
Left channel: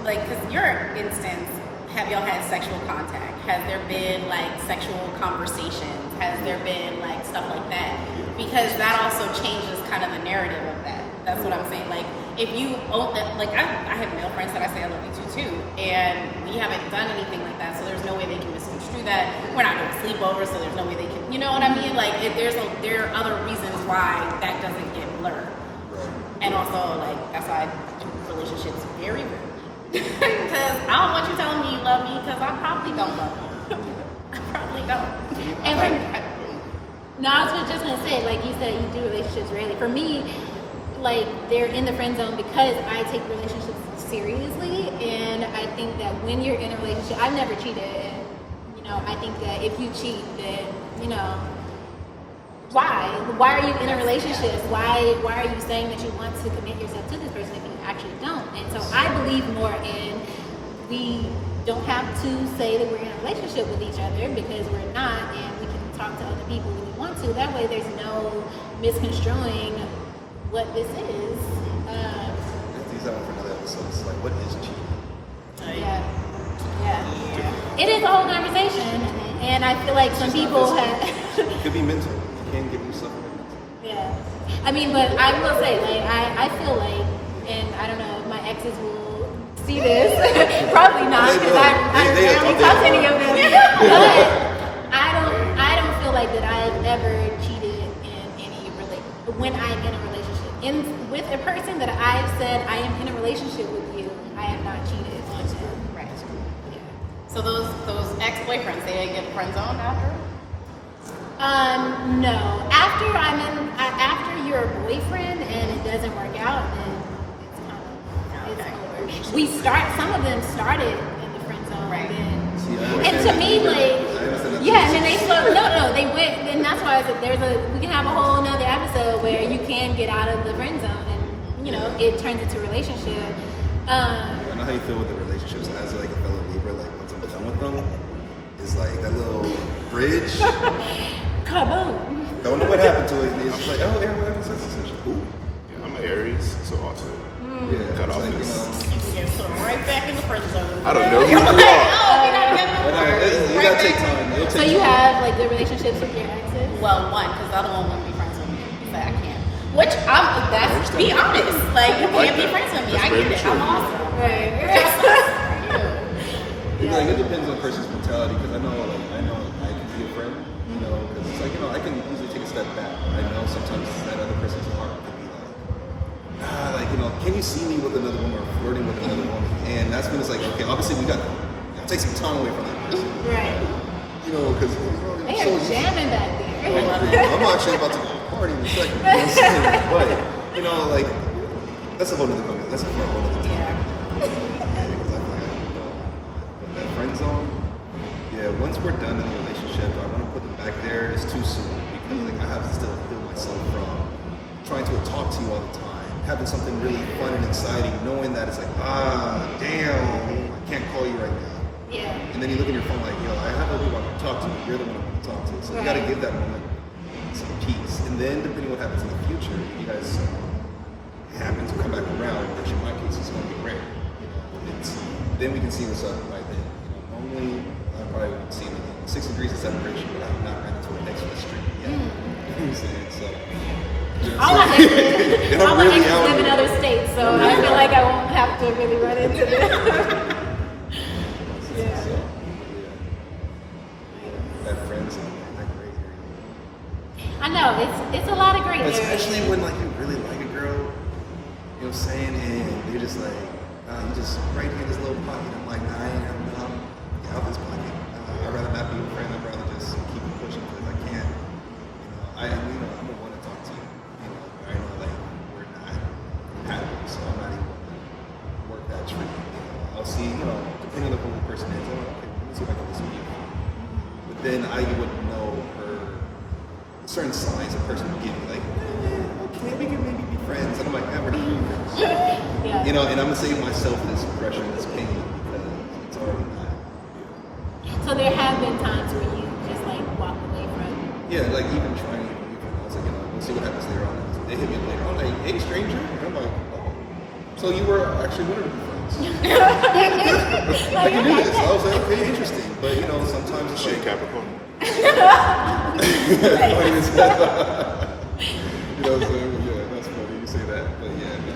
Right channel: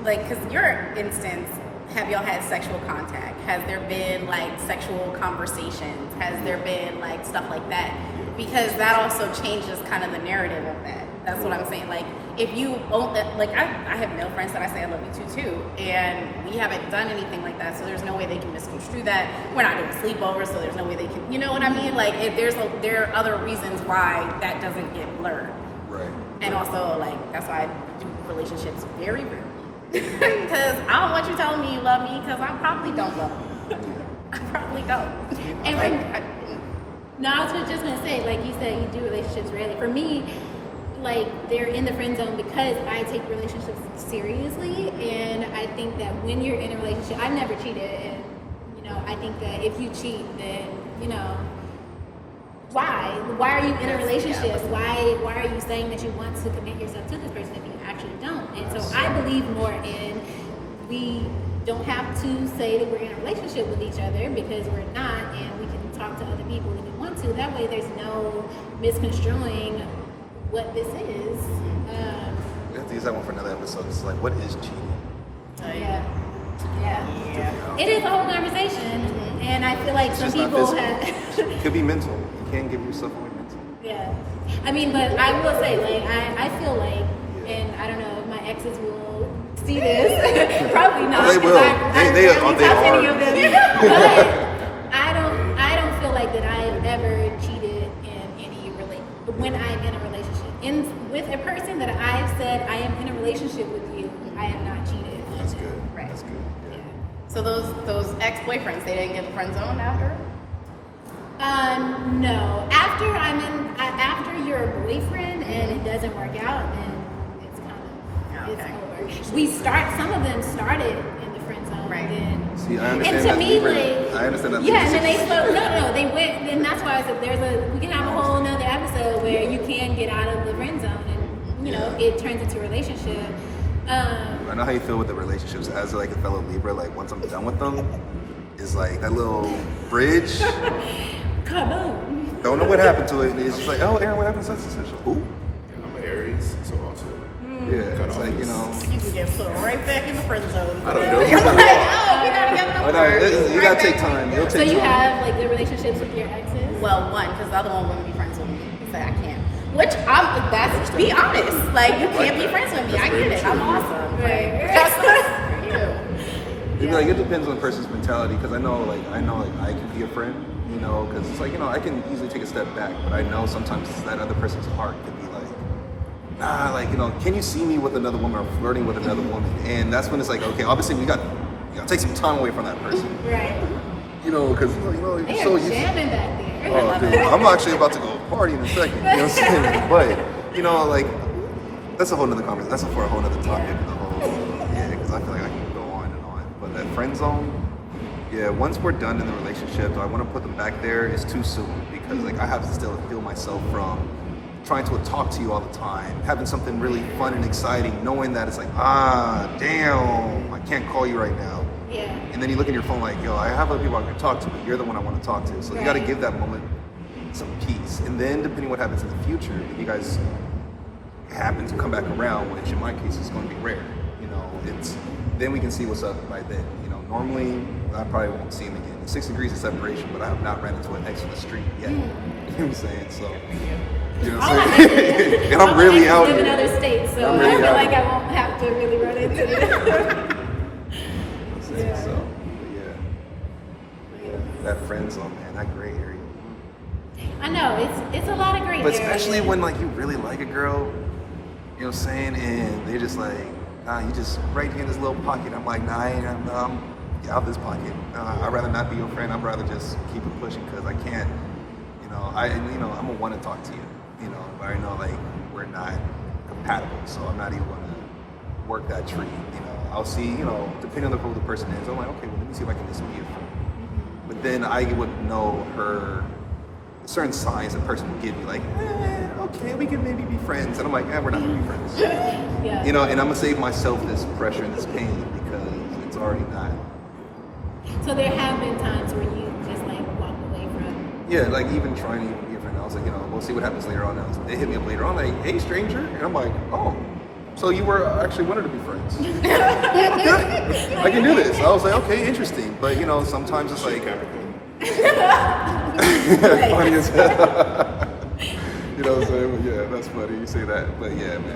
because your instance, have y'all had sexual contact? Has there been sexual conversations? Has there been stuff like that? Because that also changes kind of the narrative of that. That's what I'm saying. If you, I have male friends that I say I love you too, and we haven't done anything like that, so there's no way they can misconstrue that. We're not doing sleepovers, so there's no way they can, you know what I mean? If there are other reasons why that doesn't get blurred. right? And also, that's why I do relationships very rarely. Because I don't want you telling me you love me, because I probably don't love you. I probably don't. And no, I was just gonna say, like you said, you do relationships rarely. For me, they're in the friend zone because I take relationships seriously, and I think that when you're in a relationship, I've never cheated, and I think that if you cheat, then why? Why are you in a relationship? Why are you saying that you want to commit yourself to this person if you actually don't? And so I believe more in we don't have to say that we're in a relationship with each other because we're not, and we can talk to other people when we want to. That way there's no misconstruing what this is. We have to use that one for another episode. It's what is cheating? Yeah. It is a whole conversation, and I feel like some It's just people not have. physical. It could be mental. You can't give yourself away mentally. Yeah. I mean, but I will say, I feel like, and I don't know if my exes will see this. Probably not. They will. They don't talk to any are. of them. But I don't feel like that I've ever cheated in any when I'm in a relationship. With a person that I've said I am in a relationship with you, I have not cheated. That's good. Right. That's good. Yeah. So those ex-boyfriends, they didn't get the friend zone after? No. After you're a boyfriend and it doesn't work out, then it's Okay. over. Some of them started in the friend zone. Right. And, See, I and understand to that. me, I understand that. yeah, and then they went, and that's why I said we can have a whole nother episode where you can get out of the friend zone, and it turns into a relationship. I know how you feel with the relationships as a fellow Libra. Once I'm done with them, is that little bridge. Kaboom. Don't know what happened to it. It's just oh, Aaron, what happened to such and such? Who? Yeah, I'm an Aries, so also. Yeah, Cut it's off this. You can get thrown right back in the friend zone. I don't know. You're oh, we're not together no But more. you gotta take time. It'll So take you time. have the relationships with your exes? Well, one, because the other one wouldn't be friends with me. He said I can't. Which be honest. You can't be friends with me. I get it. I'm awesome. Right. That's for you. It depends on the person's mentality. Because I know I can be a friend. Because it's I can easily take a step back, but I know sometimes that other person's heart could be can you see me with another woman or flirting with another woman? And that's when it's okay, obviously we got to take some time away from that person. Right. Because They so are used. jamming back there. Oh, dude, I'm actually about to go party in a second. You know what I'm saying? But that's a whole nother conversation. That's for a whole other topic. Because I feel like I can go on and on. But that friend zone. Yeah, once we're done in the relationship, I want to put them back there. It's too soon because I have to still heal myself from trying to talk to you all the time, having something really fun and exciting, knowing that it's damn, I can't call you right now. Yeah. And then you look at your phone yo, I have other people I can talk to, but you're the one I want to talk to. So you got to give that moment some peace. And then depending on what happens in the future, if you guys happen to come back around, which in my case is going to be rare. Then we can see what's up by then. normally I probably won't see him again. 6 degrees of separation, but I have not ran into an ex on the street yet. You know what I'm saying? So, you know what I'm saying? And I'm really out live in here. other states, so I'm I really feel out like here. I won't have to really run into it. You know what I'm saying? Yeah. So, yeah. That friend zone, man, that gray area. I know it's a lot of great But areas. especially when like you really like a girl, you know what I'm saying, and they're just like, nah, you just right here in this little pocket. I'm like, nah, I ain't get out this pocket. I'd rather not be your friend. I'd rather just keep it pushing because I can't, I'm gonna want to talk to you. You know, I know like we're not compatible, so I'm not even gonna work that tree. You know, I'll see, depending on who the person is, I'm like, okay, well, let me see if I can listen to you. But then I would know her certain signs a person would give me, like, okay, we can maybe be friends. And I'm like, we're not gonna be friends. Yeah. You know, and I'm gonna save myself this pressure and this pain because it's already not. So there have been times where you just like walk away from. Yeah, like even trying to be a friend. I was like, we'll see what happens later on. And they hit me up later on, like, hey, stranger. And I'm like, oh, so you were actually wanted to be friends. I can do this. I was like, okay, interesting. But sometimes it's like, Capricorn. funny as hell. You know what I'm saying? Yeah, that's funny. You say that, but yeah, man.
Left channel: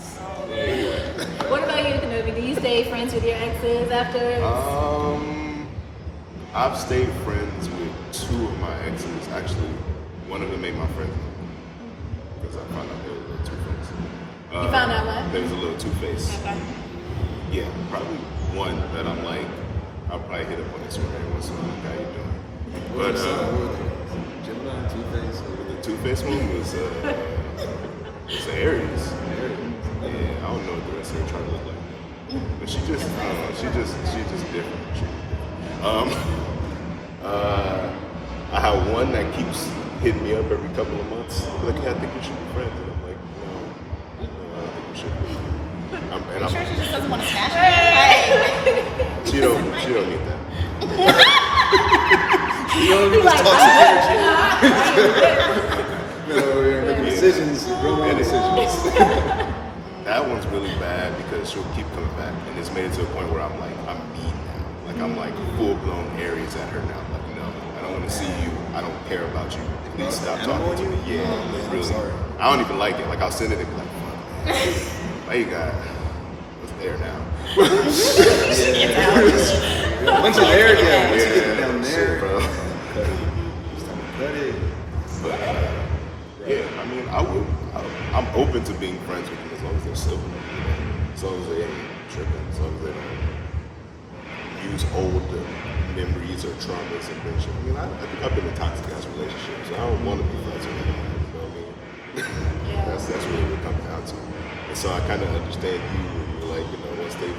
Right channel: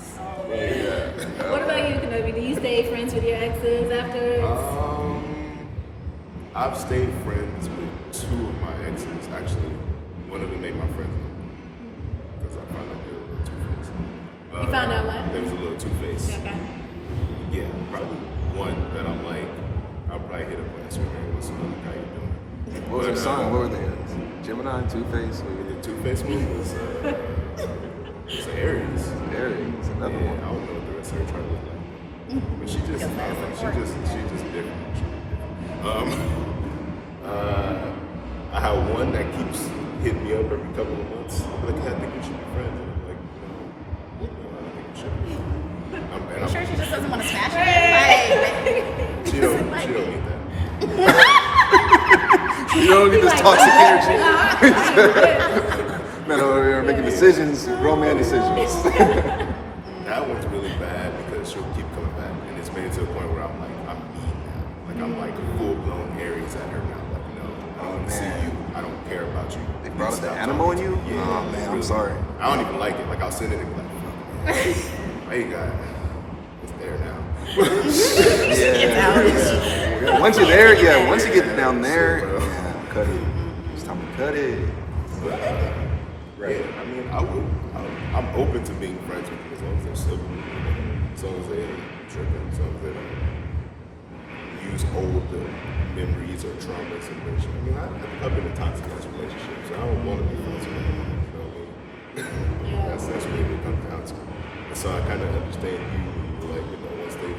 So Yeah. what about you, Kenobiii? Do you stay friends with your exes after? I've stayed friends with 2 of my exes. Actually, one of them made my friend because I found out they were a little two-faced. You found out what? They was a little two-faced. Okay. Yeah, probably one that I'm like, I'll probably hit up on Instagram once a month. How you doing? What was their sign? What were they? Gemini, Two-Face? The two-faced one was it's Aries. Aries. Yeah, I Another don't one. know what the rest of her trying to look like. But she just different. I have one that keeps hitting me up every couple of months. Like, I think we should be friends. And I'm like, no, I don't think we should be. Are you sure she just doesn't want to smash you? Like, She don't get that. You don't need this toxic energy. Man, over here making decisions, grown man decisions. That one's really bad because she'll keep coming back. And it's made it to a point where I'm like, I'm mean now. Like, I'm like full-blown Aries at her now. Like, no, I don't want to see you. I don't care about you. They brought up the animal in you? Yeah. Oh, man, I'm sorry. I don't even like it. Like, I'll send it and be like, fuck. Hey, God. It's there now. Yeah. Once you're there, yeah. Once you get down there, Sure, bro. yeah, cut it. It's time to cut it. But, yeah, I mean, I'm open to being friends with them as long as they're civil. As long as they ain't tripping. As long as they don't use old memories or traumas and bullshit. I mean, I think I've been in toxic ass relationships, and I don't want to be friends with them. You know what I mean? That's really what it comes down to. And so I kind of understand you, like, once they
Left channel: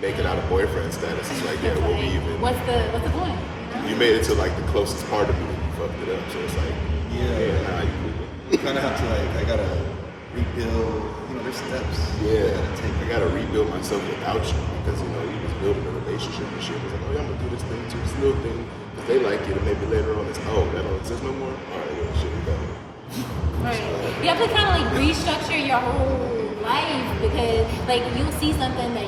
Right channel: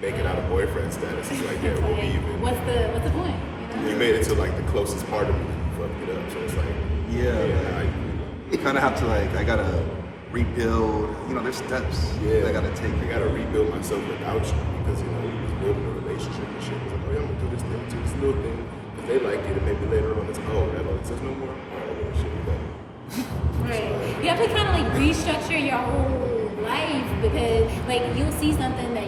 make it out of boyfriend status, it's like, yeah, we'll be even. What's the point? You made it to like the closest part of me, you fucked it up. So it's like, how you do that? You kind of have to I gotta rebuild. There's steps. Yeah, I gotta take. I gotta rebuild myself without you because you was building a relationship and shit. It was like, oh, I'm gonna do this thing too, this little thing, because they like it, and maybe later on it's, oh, that don't exist no more. Oh, well, shit, we got it. Right. You have to kind of restructure your whole life because you'll see something that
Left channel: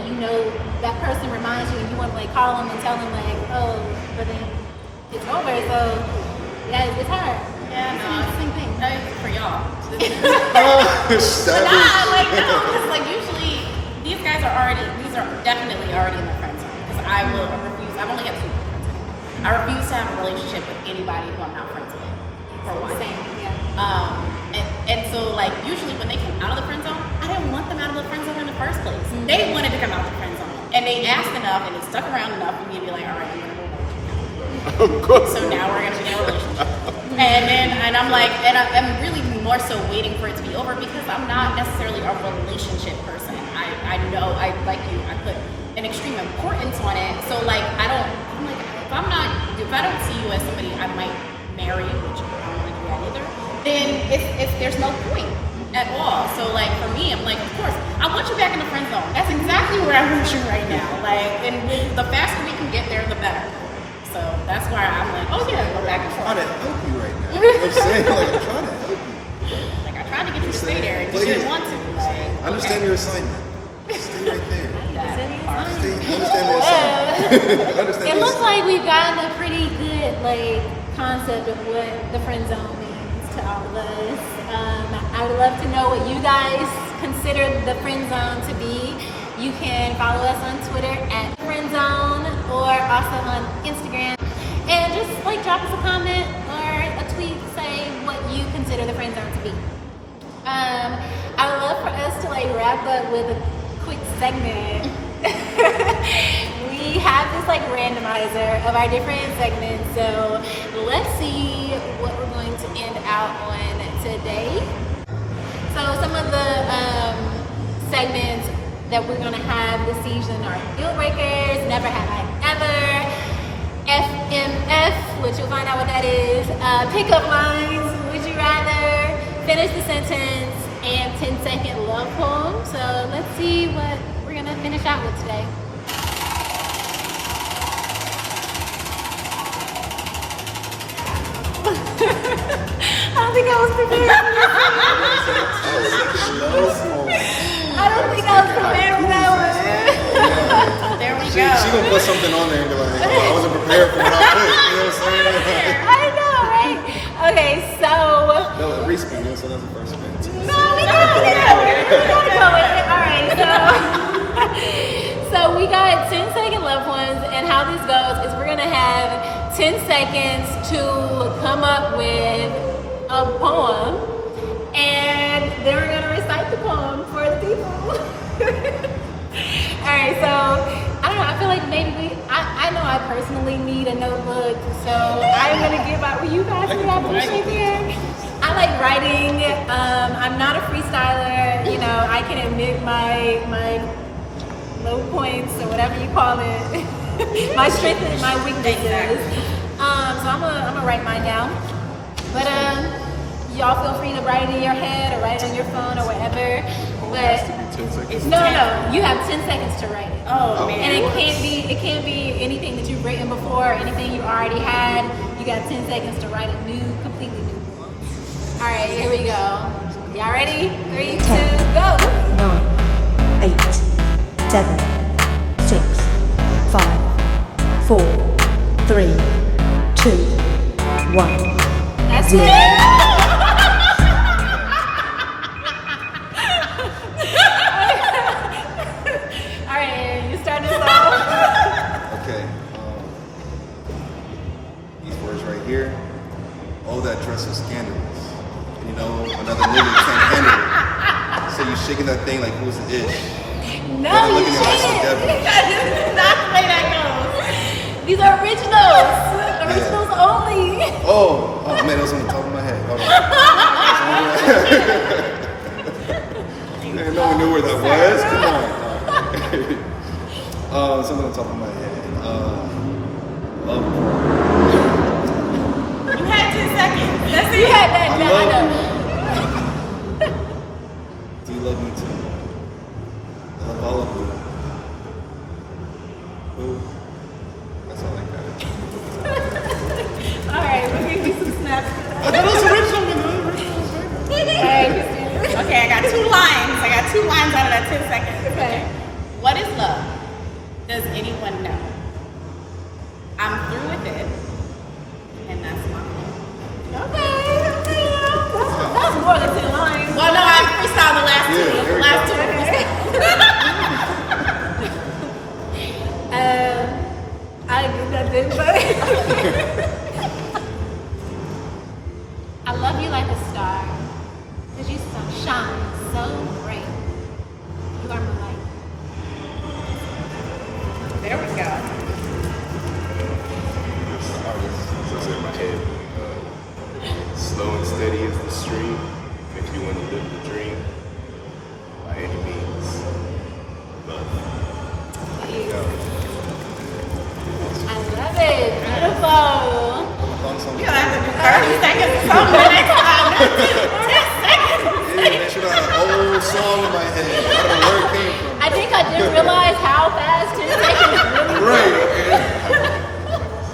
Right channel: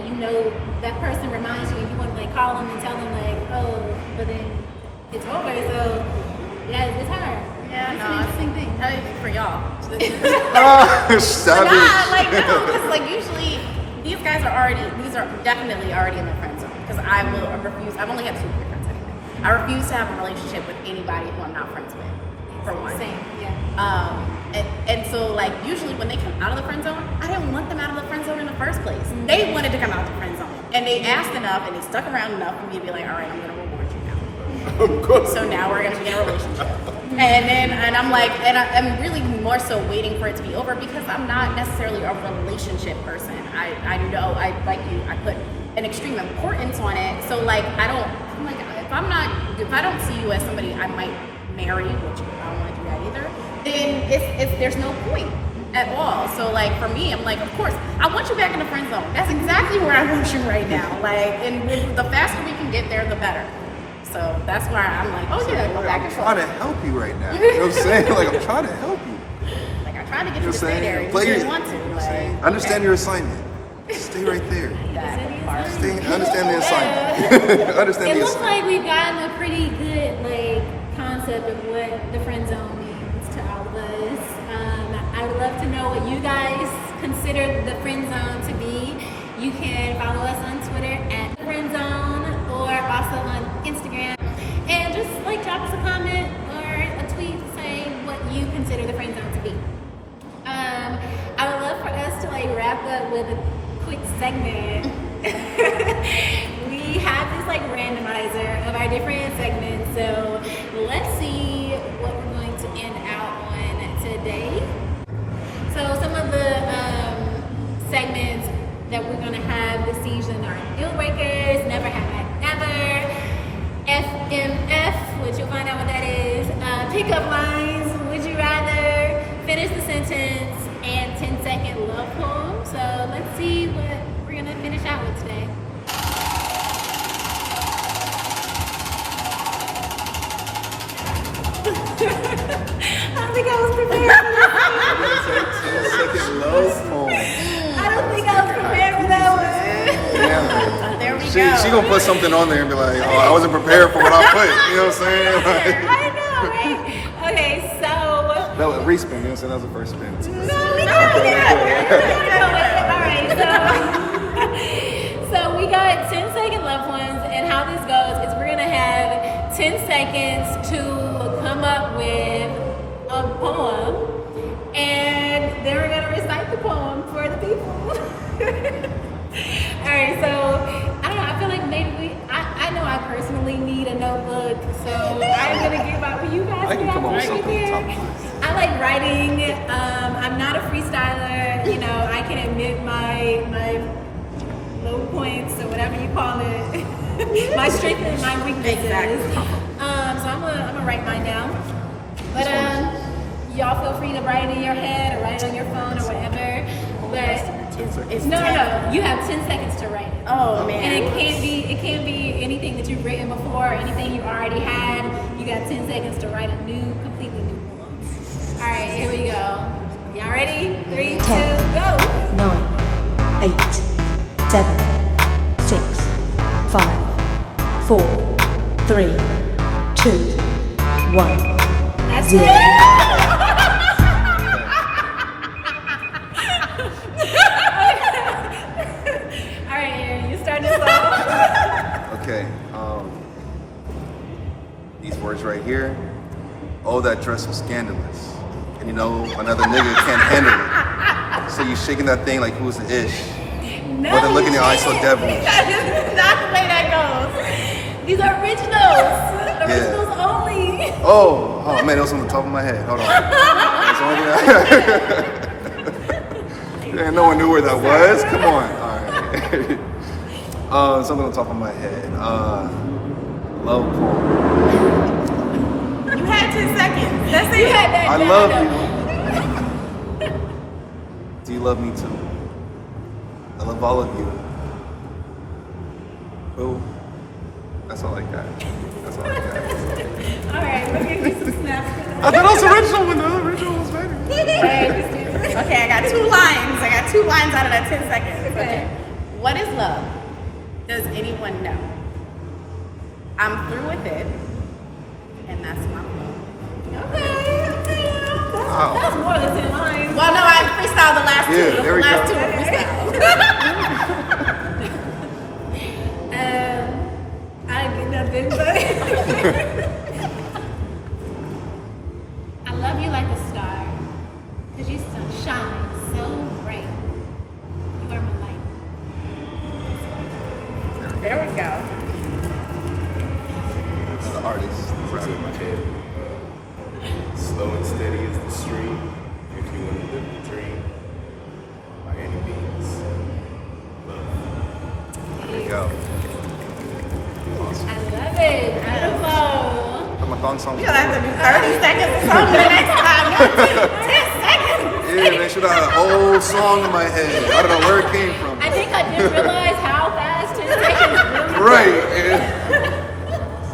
that person reminds you, and you want to call them and tell them oh, but then it's over. So it's hard. yeah, It's the same thing. I mean, for y'all. Stop But it. no, because usually these guys these are definitely already in the friend zone. Because I refuse. I've only had 2 boyfriends anyway. I refuse to have a relationship with anybody who I'm not friends with. For one. Same. Yeah. And so usually when they come out of the friend zone, I didn't want them out of the friend zone in the first place. They wanted to come out of the friend zone, and they asked enough, and they stuck around enough for me to be like, all right, I'm gonna reward you now. So now we're gonna be in a relationship. And I'm like, and I'm really more so waiting for it to be over because I'm not necessarily a relationship person. I know I like you. I put an extreme importance on it. So if I don't see you as somebody I might marry, which I don't want to do that either, then there's no point at all. So for me, I'm of course, I want you back in the friend zone. That's exactly where I want you right now. And the faster we can get there, the better. So that's why I'm oh yeah, go back and I'm trying forth. to help you right now. You know what I'm saying? I'm trying to help you. I tried to get you to Just stay saying, there, and you play didn't it. want to. Understand your assignment. Stay right there. That part. Understand the assignment. Understand It the looks assignment. like we've gotten a pretty good concept of what the friend zone means to all of us. I would love to know what you guys consider the friend zone to be. You can follow us on Twitter at FriendZone or also on Instagram, and just drop us a comment or a tweet saying what you consider the friend zone to be. I would love for us to wrap up with a quick segment. We have this randomizer of our different segments, so let's see what we're going to end out on today. So some of the segments that we're going to have this season are deal breakers, never have I ever, FMF, which you'll find out what that is, pickup lines, would you rather, finish the sentence, and 10-second love poem. So let's see what we're going to finish out with today. I don't think I was prepared. I don't think I was prepared for that one. There we She go. gonna put something on there and be like, oh, I wasn't prepared for what I put. You know what I'm saying? I know, right? Okay, so. No, a respin. You know what I'm saying? That was the first spin. Alright, so we got 10-second love ones, and how this goes is we're gonna have 10 seconds to come up with a poem, and then we're gonna recite the poem for the people. Alright, so I don't know, I feel like maybe I know I personally need a notebook, so I'm gonna give out, will you guys I can give out come up with right something. there? I like writing. I'm not a freestyler. You know, I can admit my low points or whatever you call it, my strengths and my weaknesses. Exactly. So I'm gonna write mine down. But y'all feel free to write it in your head or write it on your phone or whatever. But It's no, 10. you have 10 seconds to write it. Oh And man. it can't be anything that you've written before or anything you already had. You got 10 seconds to write a completely new poem. All right, here we go. Y'all ready? 3, 2, 10, go. 9, 8, 7, 6, 5, 4, 3, 2, 1, That's 0. it. All right, you start this off. Okay. These words right here. Oh, that dress is scandalous. And you know, another nigga can't handle it. So you shaking that thing like who's the ish. No, But look in your eyes so devilish. That is not the way that goes. These are originals. Originals only. Oh man, that was on the top of my head. Hold on. Man, no one knew where that was. Come on. All right. Something on top of my head. Love poem. You had 10 seconds. That's it. You had that I down. love you. Do you love me too? I love all of you. Boo. That's all I got. That's all I got. All right, we're gonna get some snaps. I thought it was original one. The original was better. Okay, I got 2 lines. I got 2 lines out of that 10 seconds. Okay. What is love? Does anyone know? I'm through with it, and that's my love. Okay. That's more than 10 lines. Well, no, I freestyled the last 2. Yeah, there The we last go. 2 were freestyle. I didn't get nothing, but I love you like a star, cause you shine so bright. You are my light. There we go. It's the artist. Slow and steady is the stream. If you want to live the dream, by any means, love. There you go. I love it. Beautiful. Put my thoughts on. We're gonna have to do 30 seconds or something the next time. No, 10 seconds. Yeah, man, should have had an old song in my head. I don't know where it came from. I think I didn't realize how fast 10 seconds really Right. Yeah.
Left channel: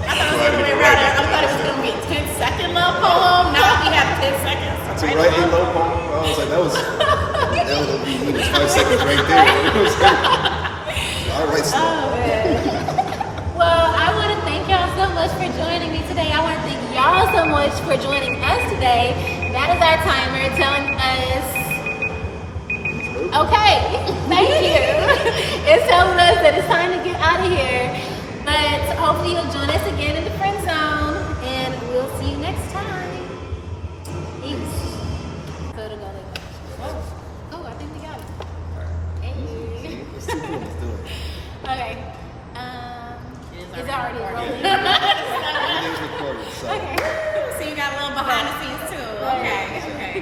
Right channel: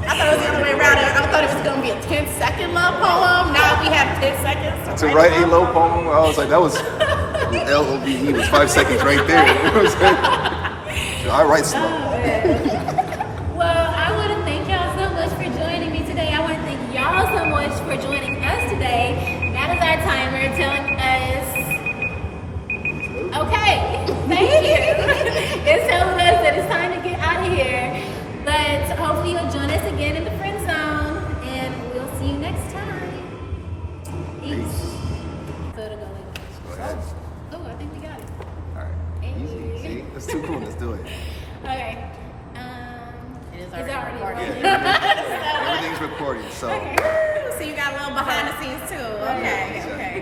I thought it was the other way around. I thought it was gonna be a 10-second love poem. Now we have 10 seconds To write a low poem, I was like, that was LOVE was 5 seconds right there. You know what I'm saying? I write slow. Well, I want to thank y'all so much for joining me today. I want to thank y'all so much for joining us today. That is our timer telling us, okay, thank you. It's telling us that it's time to get out of here. But hopefully you'll join us again in the friend zone, and we'll see you next time. Peace. Oh, I think we got it. Hey. Easy. See? That's too cool. Let's do it. Okay. It is It's already already recorded. Everything's recorded, so. Okay. So you got a little behind the scenes too. Okay, Yeah. okay.